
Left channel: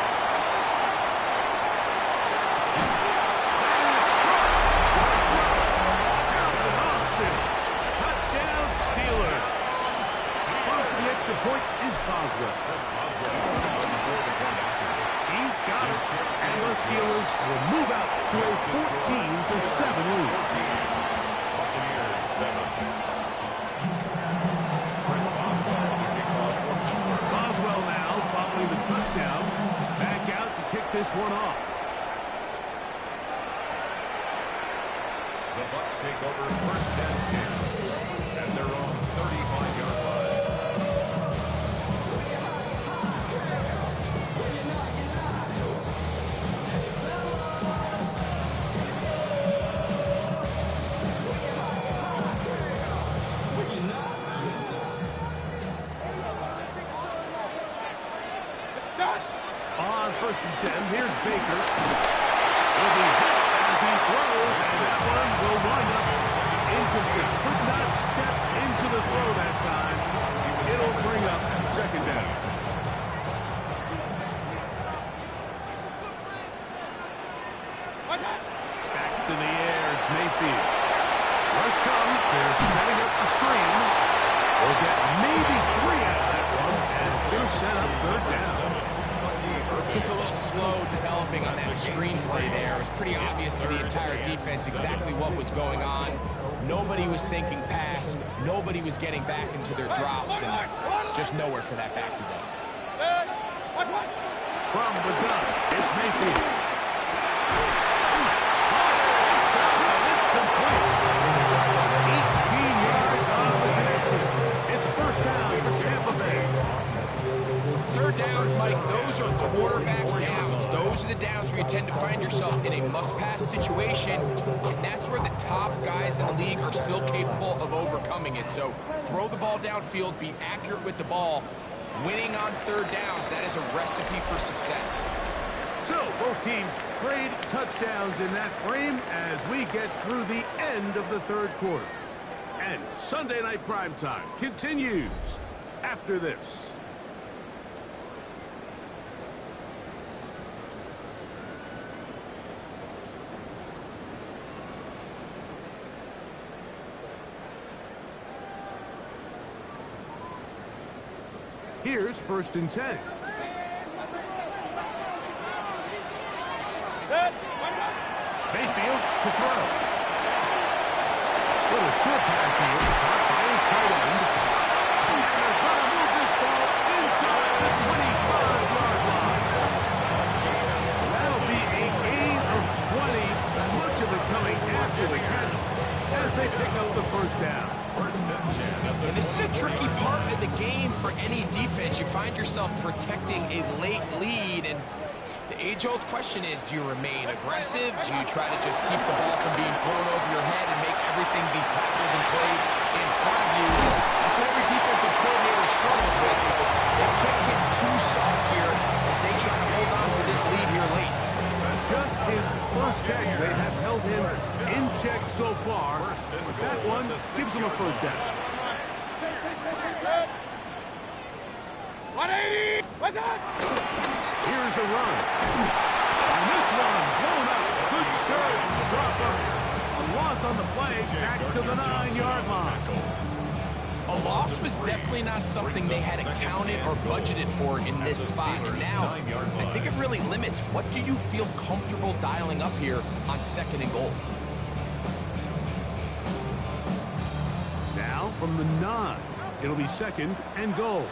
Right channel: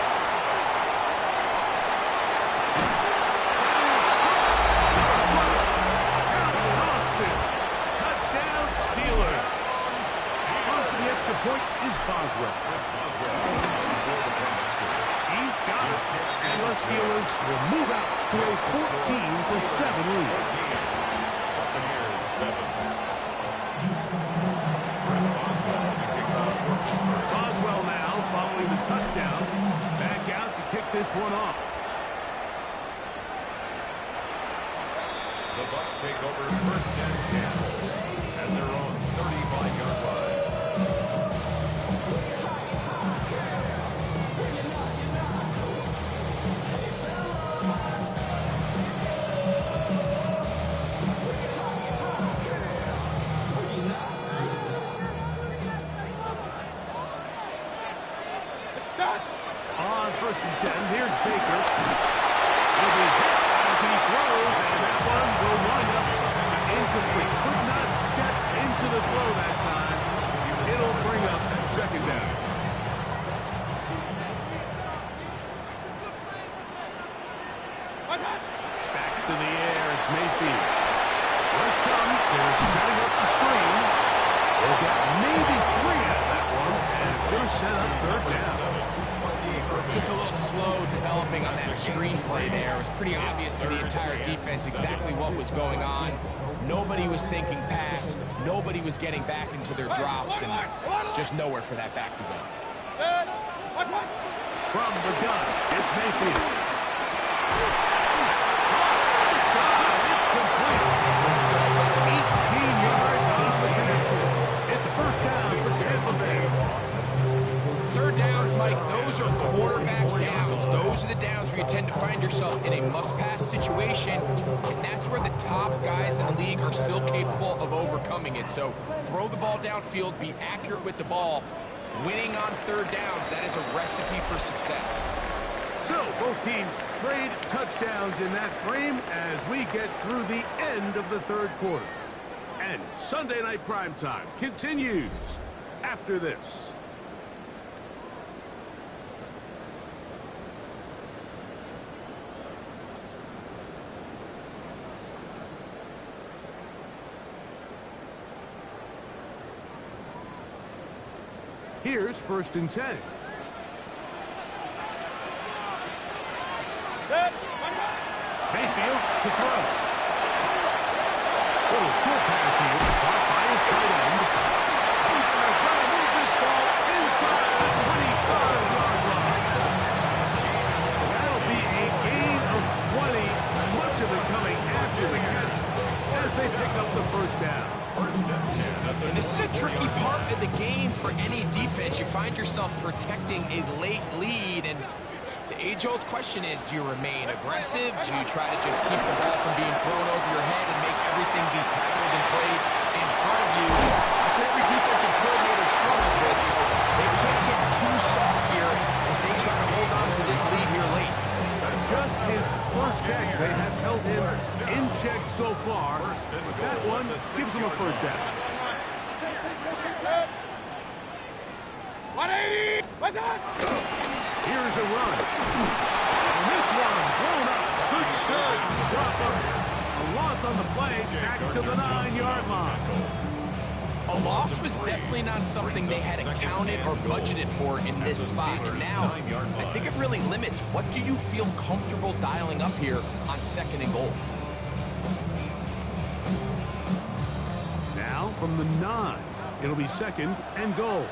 That is caught. Alvin Austin. Touchdown, Steelers. On for the extra point is Boswell. Chris Boswell before the point after. He's got it. And the Steelers will move out to a 14-7 lead. 14. Buccaneers 7. Chris Boswell to kick off for Pittsburgh. Boswell now following the touchdown. Back out to kick this one off. The Bucs take over first and 10 at their own 35-yard line. On first and 10, here's Baker. Will be hit as he throws, and that one will wind up incomplete. Could not step into the throw that time. It'll bring up second down. Back to the air, it's Mayfield. Rush comes, they're setting up the screen. We'll get maybe 3 out of that one, and it's going to set up third down. Just a little slow developing on that screenplay there. It was pretty obvious to the entire defense exactly what was going on. Nobody was thinking pass. Nobody was getting back into their drops, and just nowhere for that back to go. From the gun, it's Mayfield. Inside, it's complete. 18 yards on the connection. It's a first down for Tampa Bay. Third downs, Mike, those are quarterback downs. Those are the downs where you tend to find yourself in a must-pass situation, and that's where the top guys in the league are still capable of overcoming it. So throw the ball downfield, be accurate with the ball. Winning on third downs, that is a recipe for success. So both teams trade touchdowns in that frame as we get through the end of the third quarter. And Sunday Night Primetime continues after this. Here's 1st and 10. Mayfield to throw. Little short pass here, caught by his tight end. And they're going to move this ball inside the 25-yard line. That'll be a gain of 20, much of it coming after the catch as they pick up the first down. And this is a tricky part of the game for any defense. You find yourself protecting a late lead, and the age-old question is, do you remain aggressive? Do you try to just keep the ball from being thrown over your head and make everything be tackled and played in front of you? That's what every defensive coordinator struggles with, so they can't get too soft here as they try to hold on to this lead here late. Just his first catch. They have held him in check so far. But that one gives him a first down. 180! What's that? Here's a run. And this one blown up. Good serve. Drop up. A loss on the play. Back to the 9-yard line. A loss was definitely not something they had accounted or budgeted for in this spot. And now, I think it really limits what do you feel comfortable dialing up here on 2nd and goal. Now from the 9. It'll be 2nd and goal.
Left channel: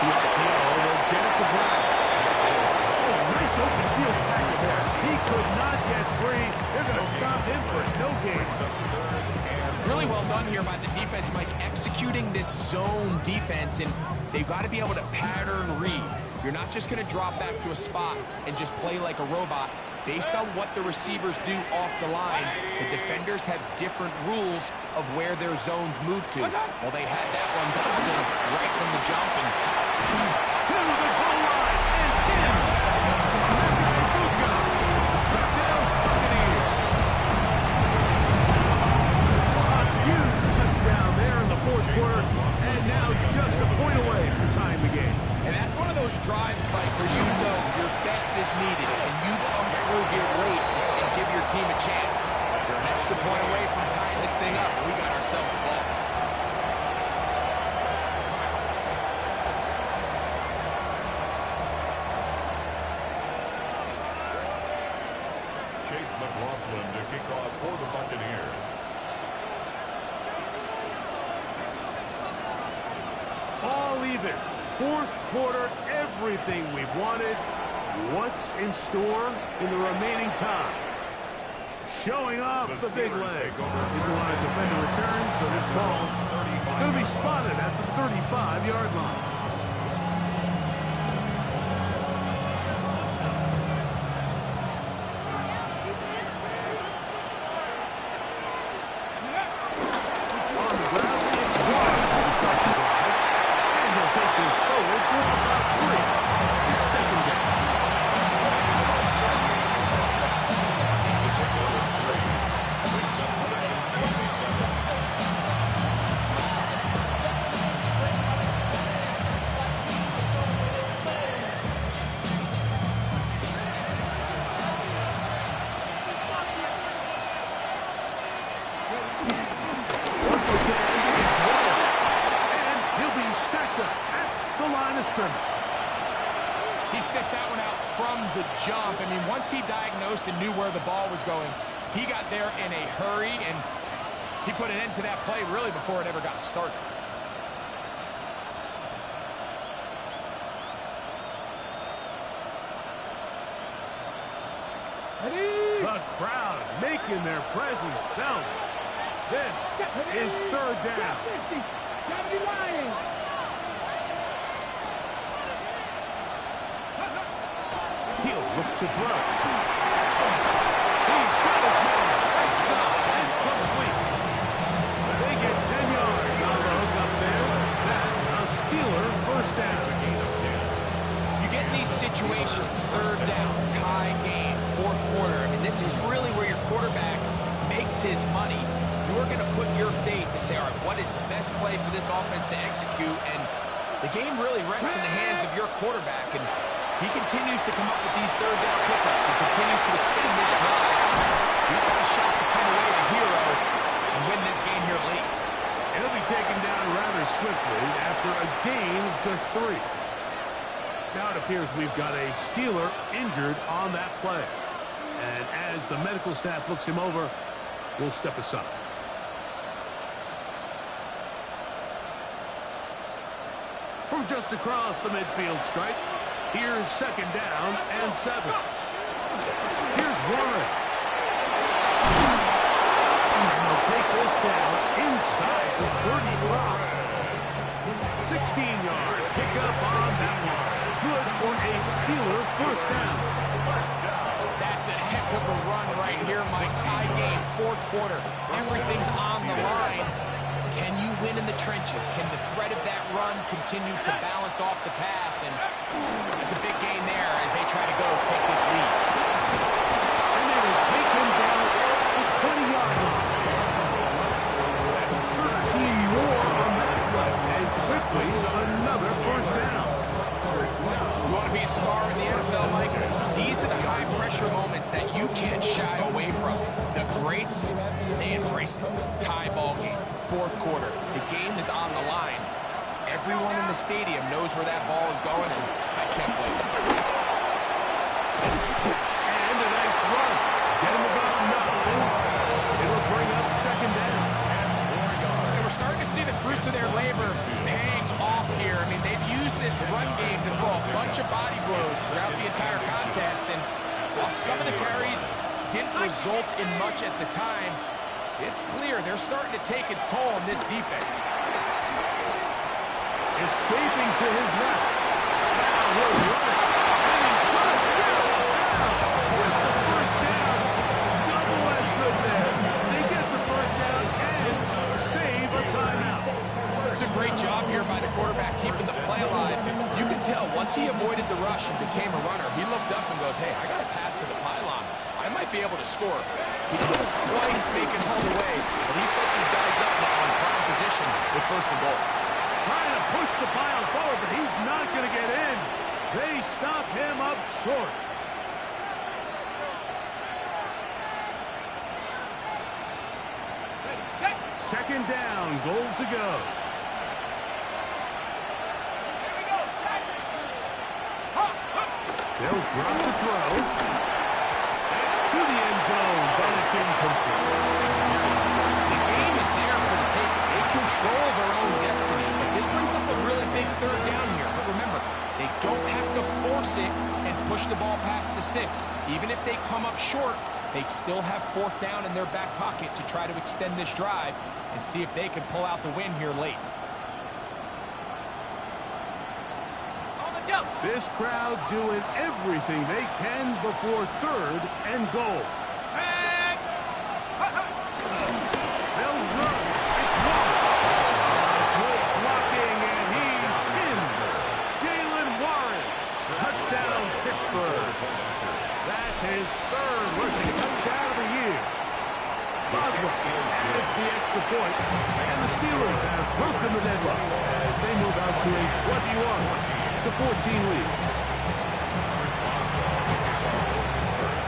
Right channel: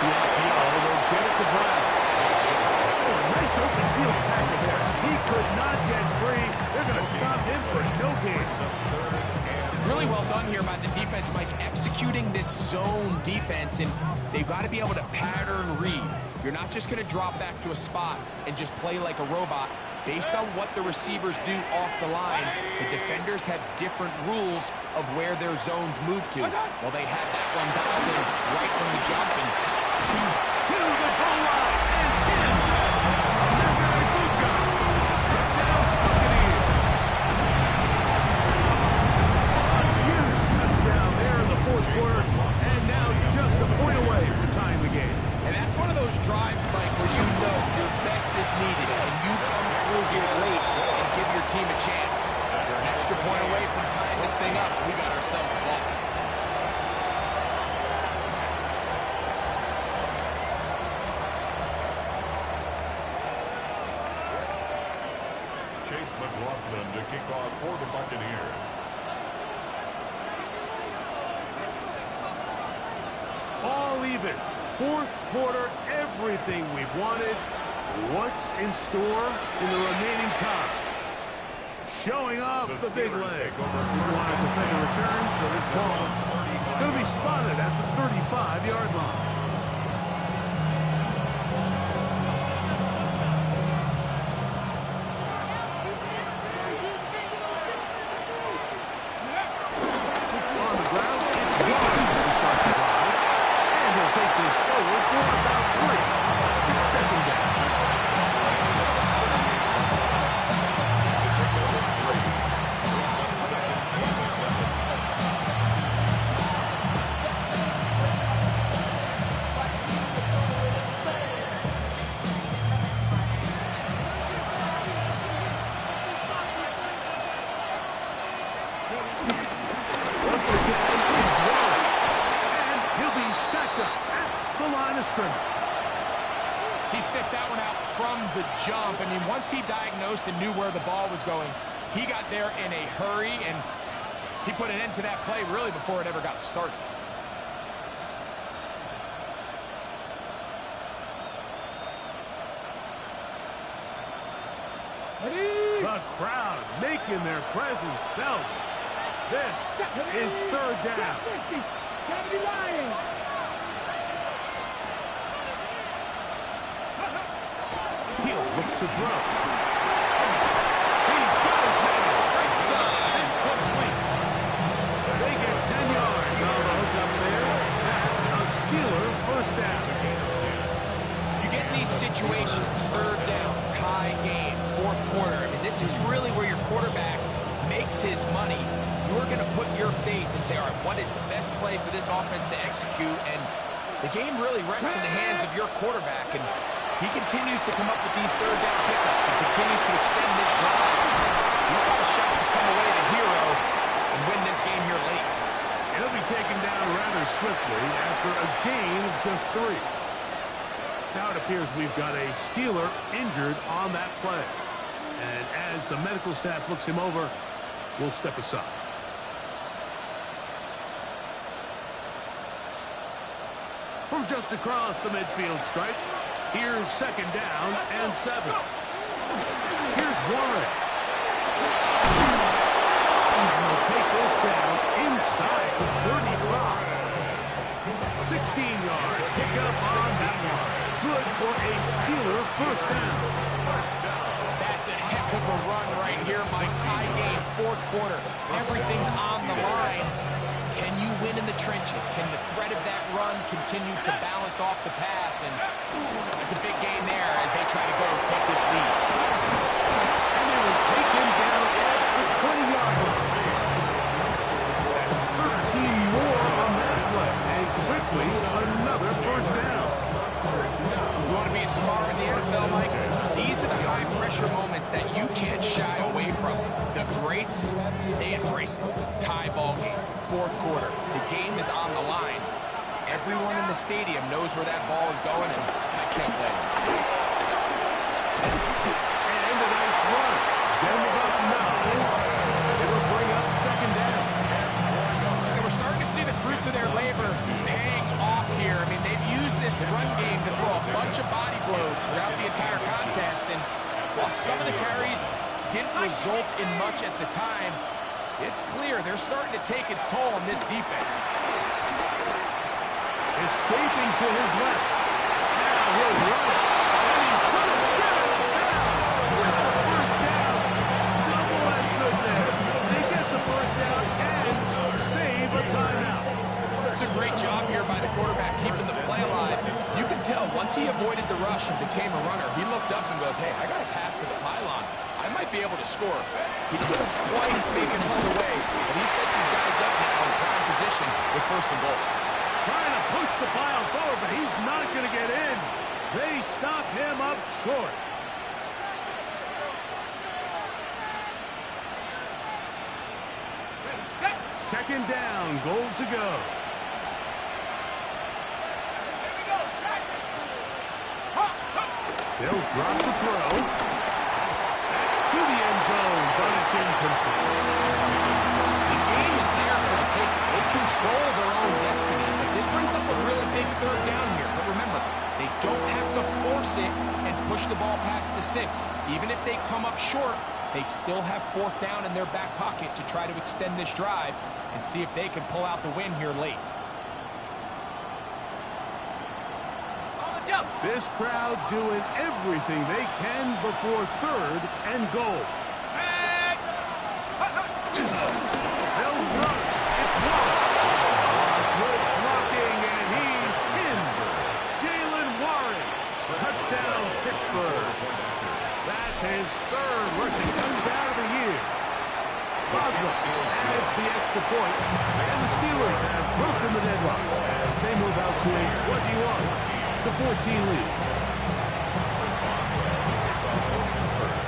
They'll get it to Brown. Oh, nice open field tackle there. He could not get free. They're going to stop him for no gain. Really well done here by the defense, Mike, executing this zone defense, and they've got to be able to pattern read. You're not just going to drop back to a spot and just play like a robot. Based on what the receivers do off the line, the defenders have different rules of where their zones move to. Well, they had that one dialed in right from the jump, and to the goal line and in. Touchdown Buccaneers. A huge touchdown there in the 4th quarter, and now just a point away from tying the game. And that's one of those drives, Mike, where you know your best is needed, and you come through here late and give your team a chance. You're an extra point away from tying this thing up, and we got ourselves a ball. Chase McLaughlin to kick off for the Buccaneers. All even. 4th quarter, everything we've wanted. What's in store in the remaining time? Showing off the big leg. Didn't want to defend a return, so this ball going to be spotted at the 35-yard line. On the ground, it's wide to start the drive. And he'll take this forward for about 3. It's 2nd down. Brings up 2nd and 7. Once again, it's one. And he'll be stacked up at the line of scrimmage. He sniffed that one out from the jump. I mean, once he diagnosed and knew where the ball was going, he got there in a hurry, and he put an end to that play really before it ever got started. The crowd making their presence felt. This is 3rd down. 70 line. Look to throw. He's got his man. Right side. It's complete. They get 10 yards on the hook up there. That's a Steeler first down. It's a gain of 10. You get in these situations, third down, tie game, fourth quarter. I mean, this is really where your quarterback makes his money. You're going to put your faith and say, all right, what is the best play for this offense to execute? And the game really rests in the hands of your quarterback. And he continues to come up with these third down pickups and continues to extend this drive. He's got a shot to come away the hero and win this game here late. He'll be taken down rather swiftly after a gain of just 3. Now it appears we've got a Steeler injured on that play. And as the medical staff looks him over, we'll step aside. From just across the midfield stripe, here's second down and 7. Here's Warren. And they'll take this down inside the 35. 16-yard pickup on that one. Good for a Steeler first down. That's a heck of a run right here, Mike. Tie game, fourth quarter. Everything's on the line. Can you win in the trenches? Can the threat of that run continue to balance off the pass? And that's a big gain there as they try to go take this lead. And they will take him down at the 20-yard line. That's 13 more on that play. And quickly, another first down. You want to be a star in the NFL, Mike? These are the high-pressure moments that you can't shy away from. The greats, they embrace it. Tie ball game, fourth quarter. The game is on the line. Everyone in the stadium knows where that ball is going, and I can't blame them. And a nice run. Get him about 9. It'll bring up second down. 10 more yards. And we're starting to see the fruits of their labor paying off here. I mean, they've used this run game to throw a bunch of body blows throughout the entire contest. And while some of the carries didn't result in much at the time, it's clear they're starting to take its toll on this defense. Escaping to his left. Now he'll run it. And he's going to get it down with the first down. Double as good there. They get the first down and save a timeout. It's a great job here by the quarterback keeping the play alive. You can tell once he avoided the rush and became a runner, he looked up and goes, hey, I got a path to the pylon. I might be able to score. He couldn't quite make it all the way, but he sets his guys up now in prime position with first and goal. Trying to push the pile forward, but he's not going to get in. They stop him up short. Ready, set. Second down, goal to go. Here we go, set. They'll drop the throw. That's to the end zone, but it's incomplete. The game is there for the taking. They control their own destiny, but this brings up a really big third down here. But remember, they don't have to force it and push the ball past the sticks. Even if they come up short, they still have fourth down in their back pocket to try to extend this drive and see if they can pull out the win here late. On the jump. This crowd doing everything they can before third and goal. Back. They'll run. It's one. Good blocking, and he's in. Jalen Warren. Touchdown, Pittsburgh. That's his third rushing touchdown of the year. Boswell adds the extra point, and the Steelers have broken the deadlock as they move out to a 21-14 lead. Chris Boswell to kick off for Pittsburgh.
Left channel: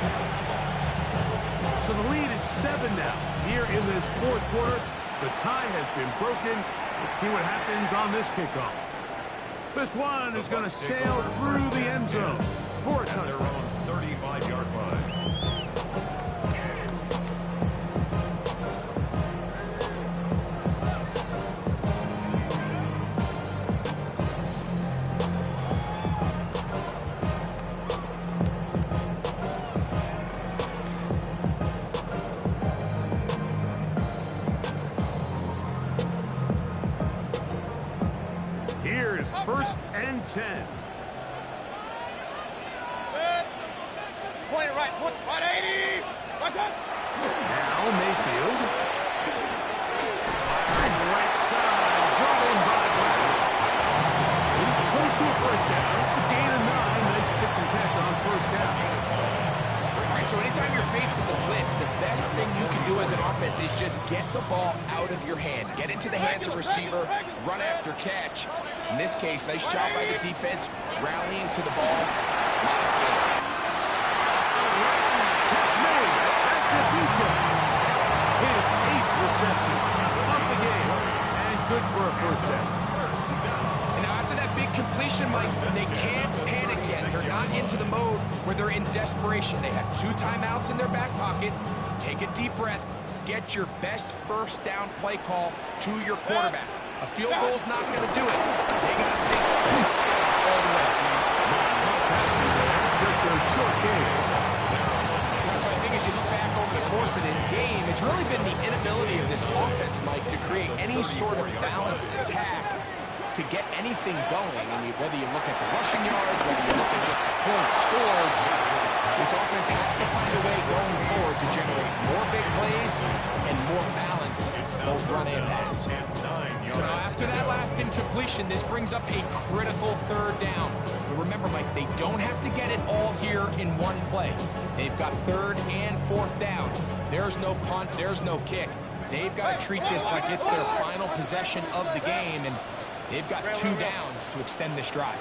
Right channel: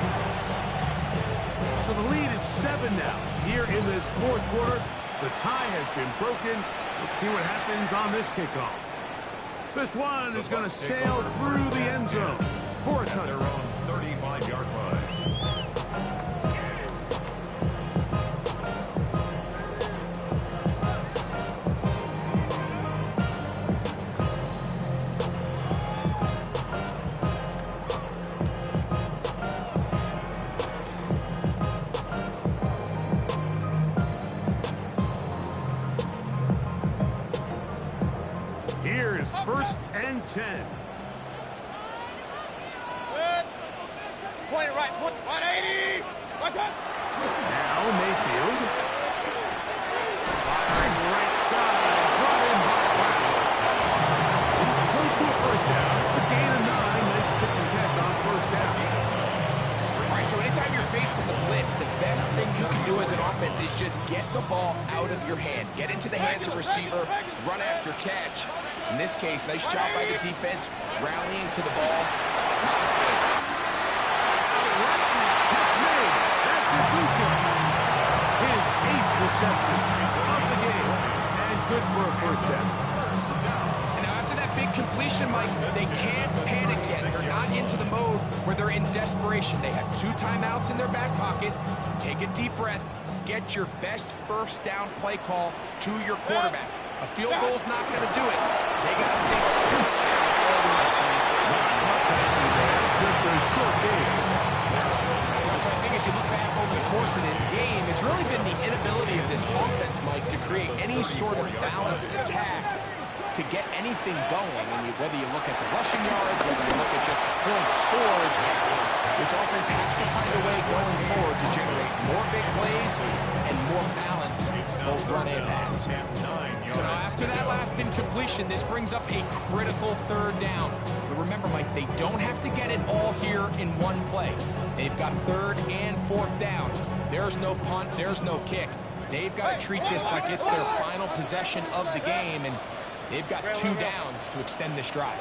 So the lead is 7 now. Here in this fourth quarter, the tie has been broken. Let's see what happens on this kickoff. This one is going to sail through the end zone for a At their touchdown. own 35-yard line. Here's first and 10. point it right, 180. What's up? Now Mayfield. Firing right side. Brought in by Brown. He's close to a first down. A gain of 9. Nice pitch and catch on first down. All right, so anytime you're facing the blitz, the best thing you can do as an offense is just get the ball out of your hand. Get into the hands of receiver, run after catch. In this case, nice job by the defense, rallying to the ball. Modest gain. Catch made. That's Ibuka. His 8th reception of the game. And good for a first down. And now after that big completion, Mike, they can't panic yet. They're not into the mode where they're in desperation. They have 2 timeouts in their back pocket. Take a deep breath. Get your best first down play call to your quarterback. A field goal's not going to do it. They got to think touchdown all the way. Not much happening there. Just a short game. So I think as you look back over the course of this game, it's really been the inability of this offense, Mike, to create any sort of balanced attack to get anything going. And whether you look at the rushing yards, whether you look at just the points scored, this offense has to find a way going forward to generate more big plays and more balance, both run and pass. So now after that last incompletion, this brings up a critical third down. But remember, Mike, they don't have to get it all here in one play. They've got 3rd and 4th down. There's no punt, there's no kick. They've got to treat this like it's their final possession of the game, and they've got 2 downs to extend this drive.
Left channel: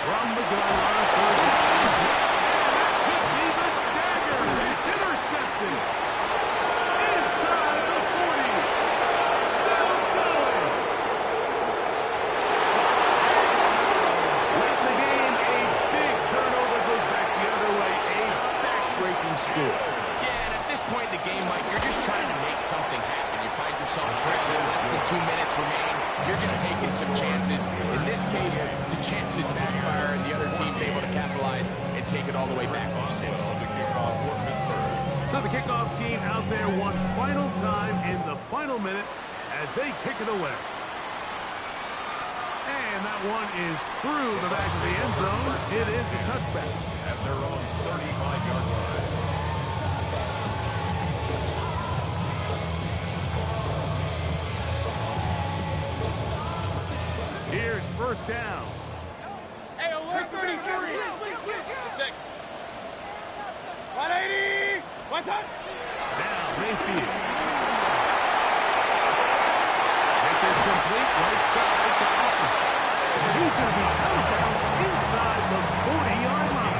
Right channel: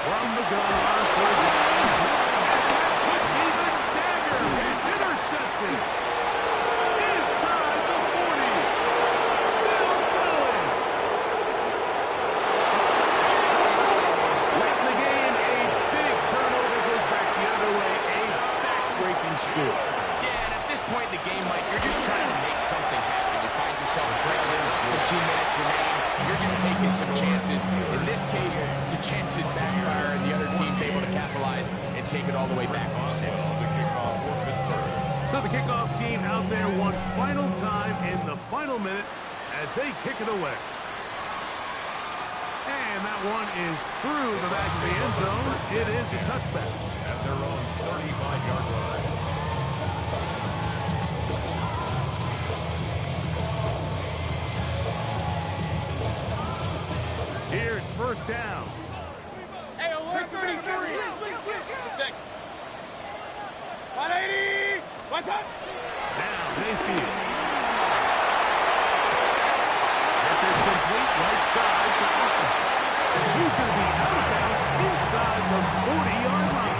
From the gun on 3rd down. And that could be the dagger. It's intercepted. Inside the 40. Still going. Late in the game, a big turnover goes back the other way. A back-breaking score. Yeah, and at this point in the game, Mike, you're just trying to make something happen. You find yourself trailing, less than 2 minutes remain. You're just taking some chances. In this case, the chances backfire, and the other team's able to capitalize and take it all the way back for 6. So the kickoff team out there one final time in the final minute as they kick it away. And that one is through the back of the end zone. It is a touchback. At their own 35-yard line. Here's first down. Hey, alert 33. 180. What's up? Now Mayfield. Get this complete right side to Austin. He's going to be out of bounds inside the 40-yard line.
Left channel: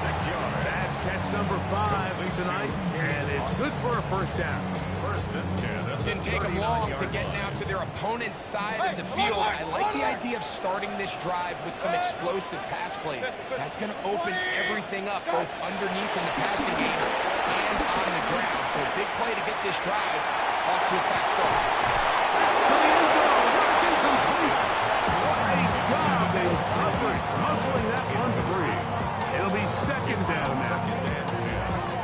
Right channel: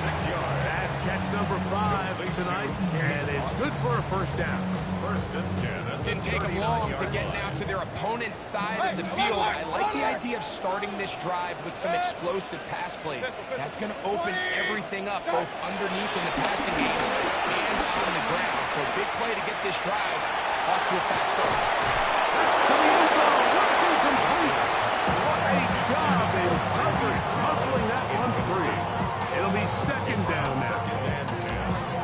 26 yards. That's catch number 5 tonight, and it's good for a first down. 1st and 10. Didn't take them long to get now to their opponent's side of the field. I like the idea of starting this drive with some explosive pass plays. That's going to open everything up, both underneath in the passing game and on the ground. So big play to get this drive off to a fast start. That's to the end zone. It's incomplete. What a job they covered, muscling that one free. It'll be 2nd down now.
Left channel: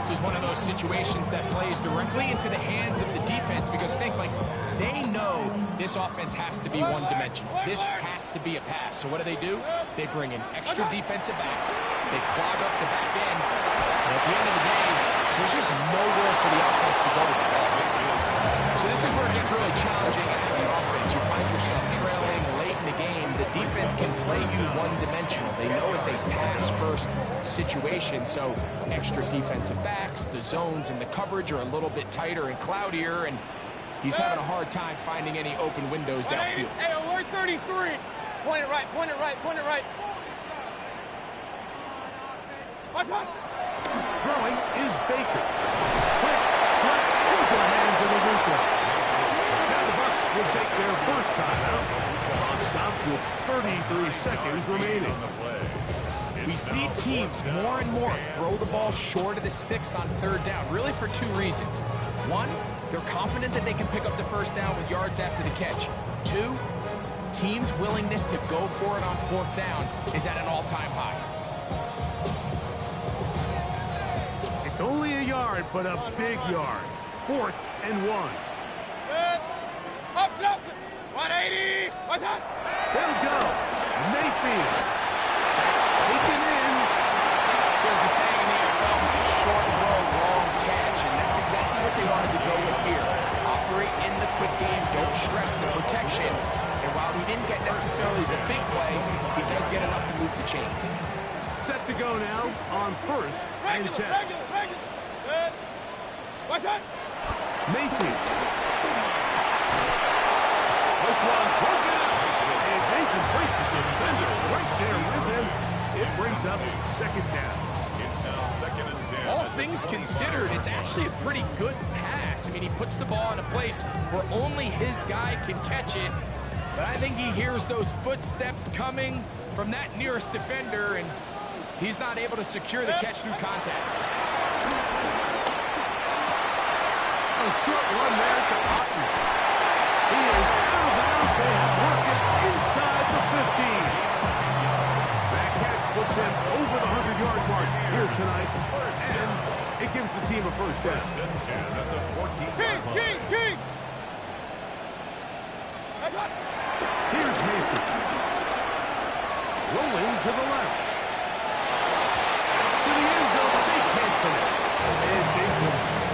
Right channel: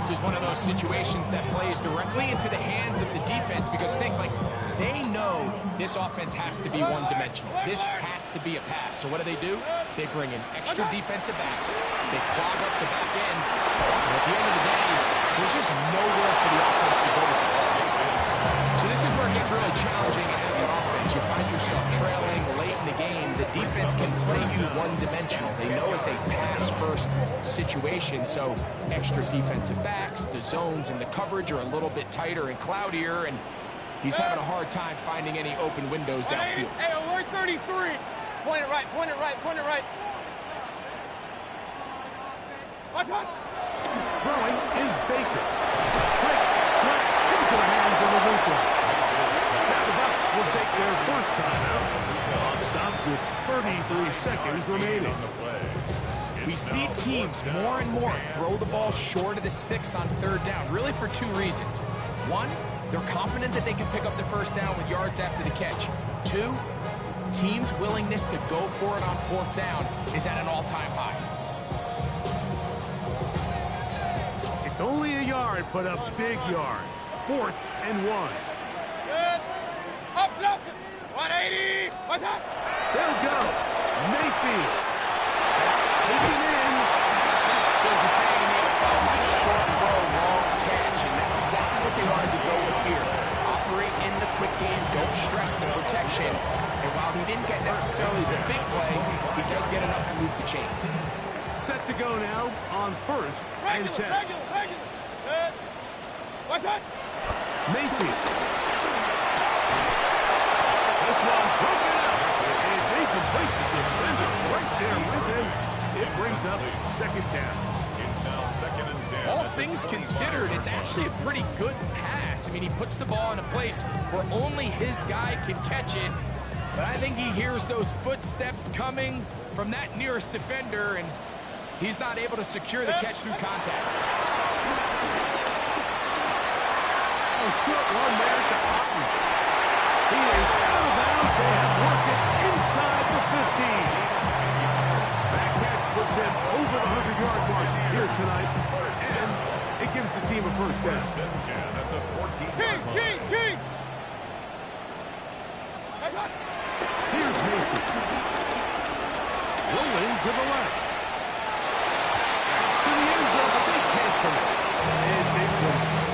This is one of those situations that plays directly into the hands of the defense because think, like, they know this offense has to be one-dimensional. This has to be a pass. So what do? They bring in extra defensive backs. They clog up the back end. And at the end of the day, there's just nowhere for the offense to go with the ball. So this is where it gets really challenging as an offense. You find yourself trailing late in the game. The defense can play you one-dimensional. They know it's a pass-first situation, so extra defensive backs, the zones and the coverage are a little bit tighter and cloudier, and he's having a hard time finding any open windows downfield. Hey, alert 33. Point it right, point it right, point it right. What's up? Throwing is Baker. Quick slap into the hands of Ibuka. Now the Bucs will take their first timeout. Clock stops with 33 seconds remaining. We see teams more and more throw the ball short of the sticks on 3rd down, really for 2 reasons. 1, they're confident that they can pick up the first down with yards after the catch. 2, teams' willingness to go for it on 4th down is at an all-time high. It's only a yard, but a big yard. 4th and 1. 180. What's that? They'll go. Mayfield. That's taken in. So as the saying in the NFL, my short throw, long catch, and that's exactly what they wanted to go with here. Operate in the quick game, don't stress the protection, and while he didn't get necessarily the big play, he does get enough to move the chains. Set to go now on first and 10. Regular. Good. What's that? Mayfield. This one broken up. It's incomplete. The defender right there with him. It brings up second down. It's now 2nd and 10. All things considered, it's actually a pretty good pass. I mean, he puts the ball in a place where only his guy can catch it. But I think he hears those footsteps coming from that nearest defender, and he's not able to secure the catch through contact. A short run there to Otten. He is out of bounds. They have worked it inside the 15. That catch puts him over the 100-yard mark here tonight, and it gives the team a first down. 1st and 10 at the 14-yard line. King. Here's Mayfield. Rolling to the left. That's to the end zone, but they can't connect. It's incomplete.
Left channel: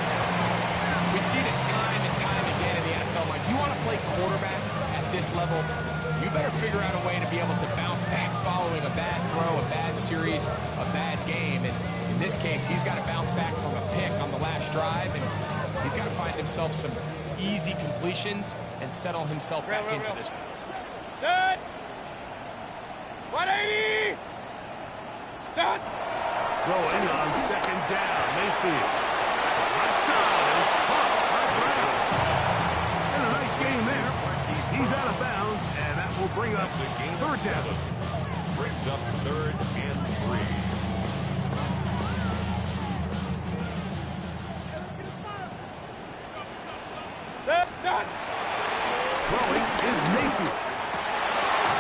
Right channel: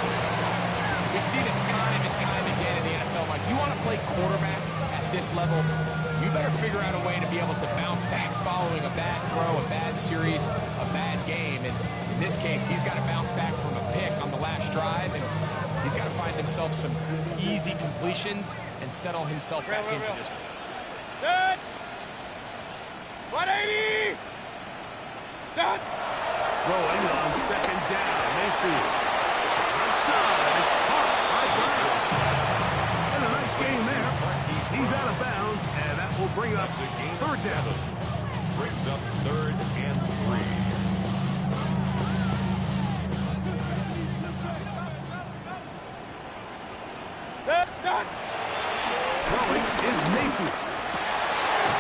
We see this time and time again in the NFL. Like, you want to play quarterback at this level, you better figure out a way to be able to bounce back following a bad throw, a bad series, a bad game. And in this case, he's got to bounce back from a pick on the last drive, and he's got to find himself some easy completions and settle himself back into this. Good. 180. Stop. Throwing on second down, Mayfield. Left side, it's caught by Brown. And a nice game there. He's out of bounds, and that will bring up That's a gain of third down. 7. Brings up 3rd and 3. Done. Throwing is Mayfield.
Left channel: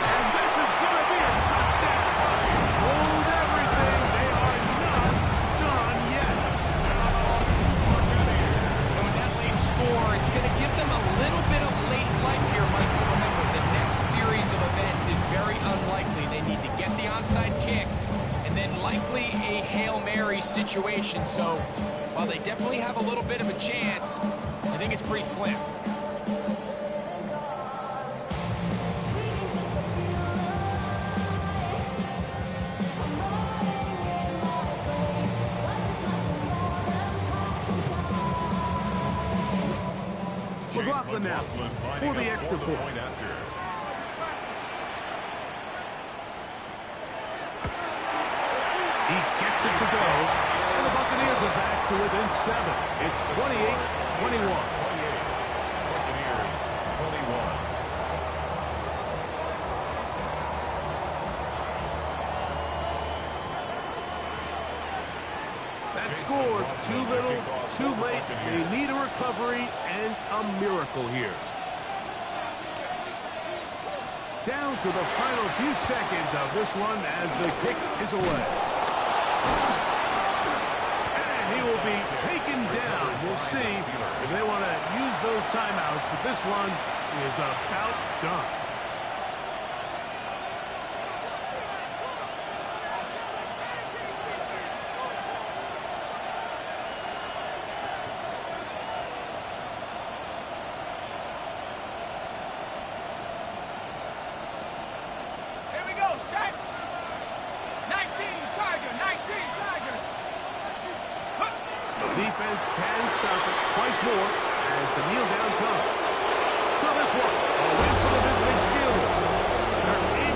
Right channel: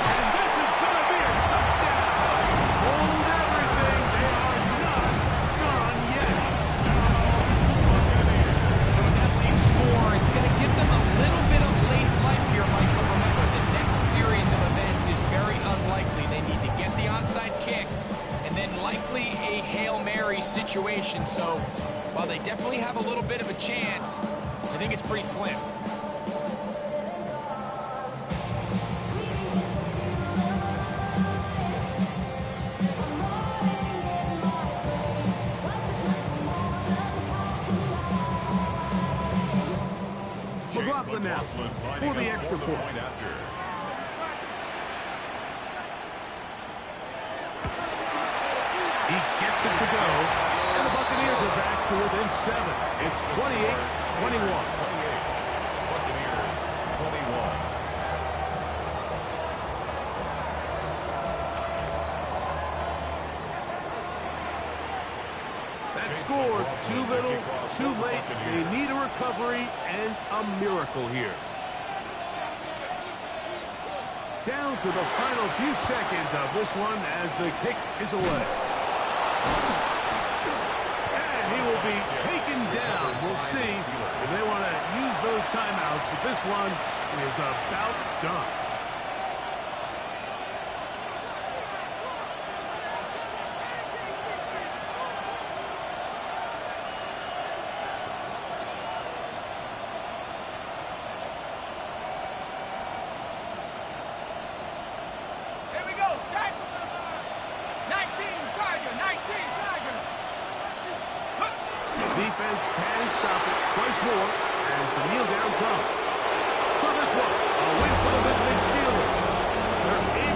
And this is going to be a touchdown. Hold everything. They are not done yet. And with that late score, it's going to give them a little bit of late life here, Mike. But remember, the next series of events is very unlikely. They need to get the onside kick and then likely a Hail Mary situation. So while they definitely have a little bit of a chance, I think it's pretty slim. McLaughlin now for the extra point. After. He gets it to go, and the Buccaneers are back to within 7. It's 28-21. 28. Buccaneers 21. That score, too little, too late. They need a recovery and a miracle here. Down to the final few seconds of this one as the kick is away. And he will be taken down. We'll see if they want to use those timeouts, but this one is about done. Set. 19 Tiger. The defense can stop it twice more as the kneel down comes. So this one, a win for the visiting Steelers. They're able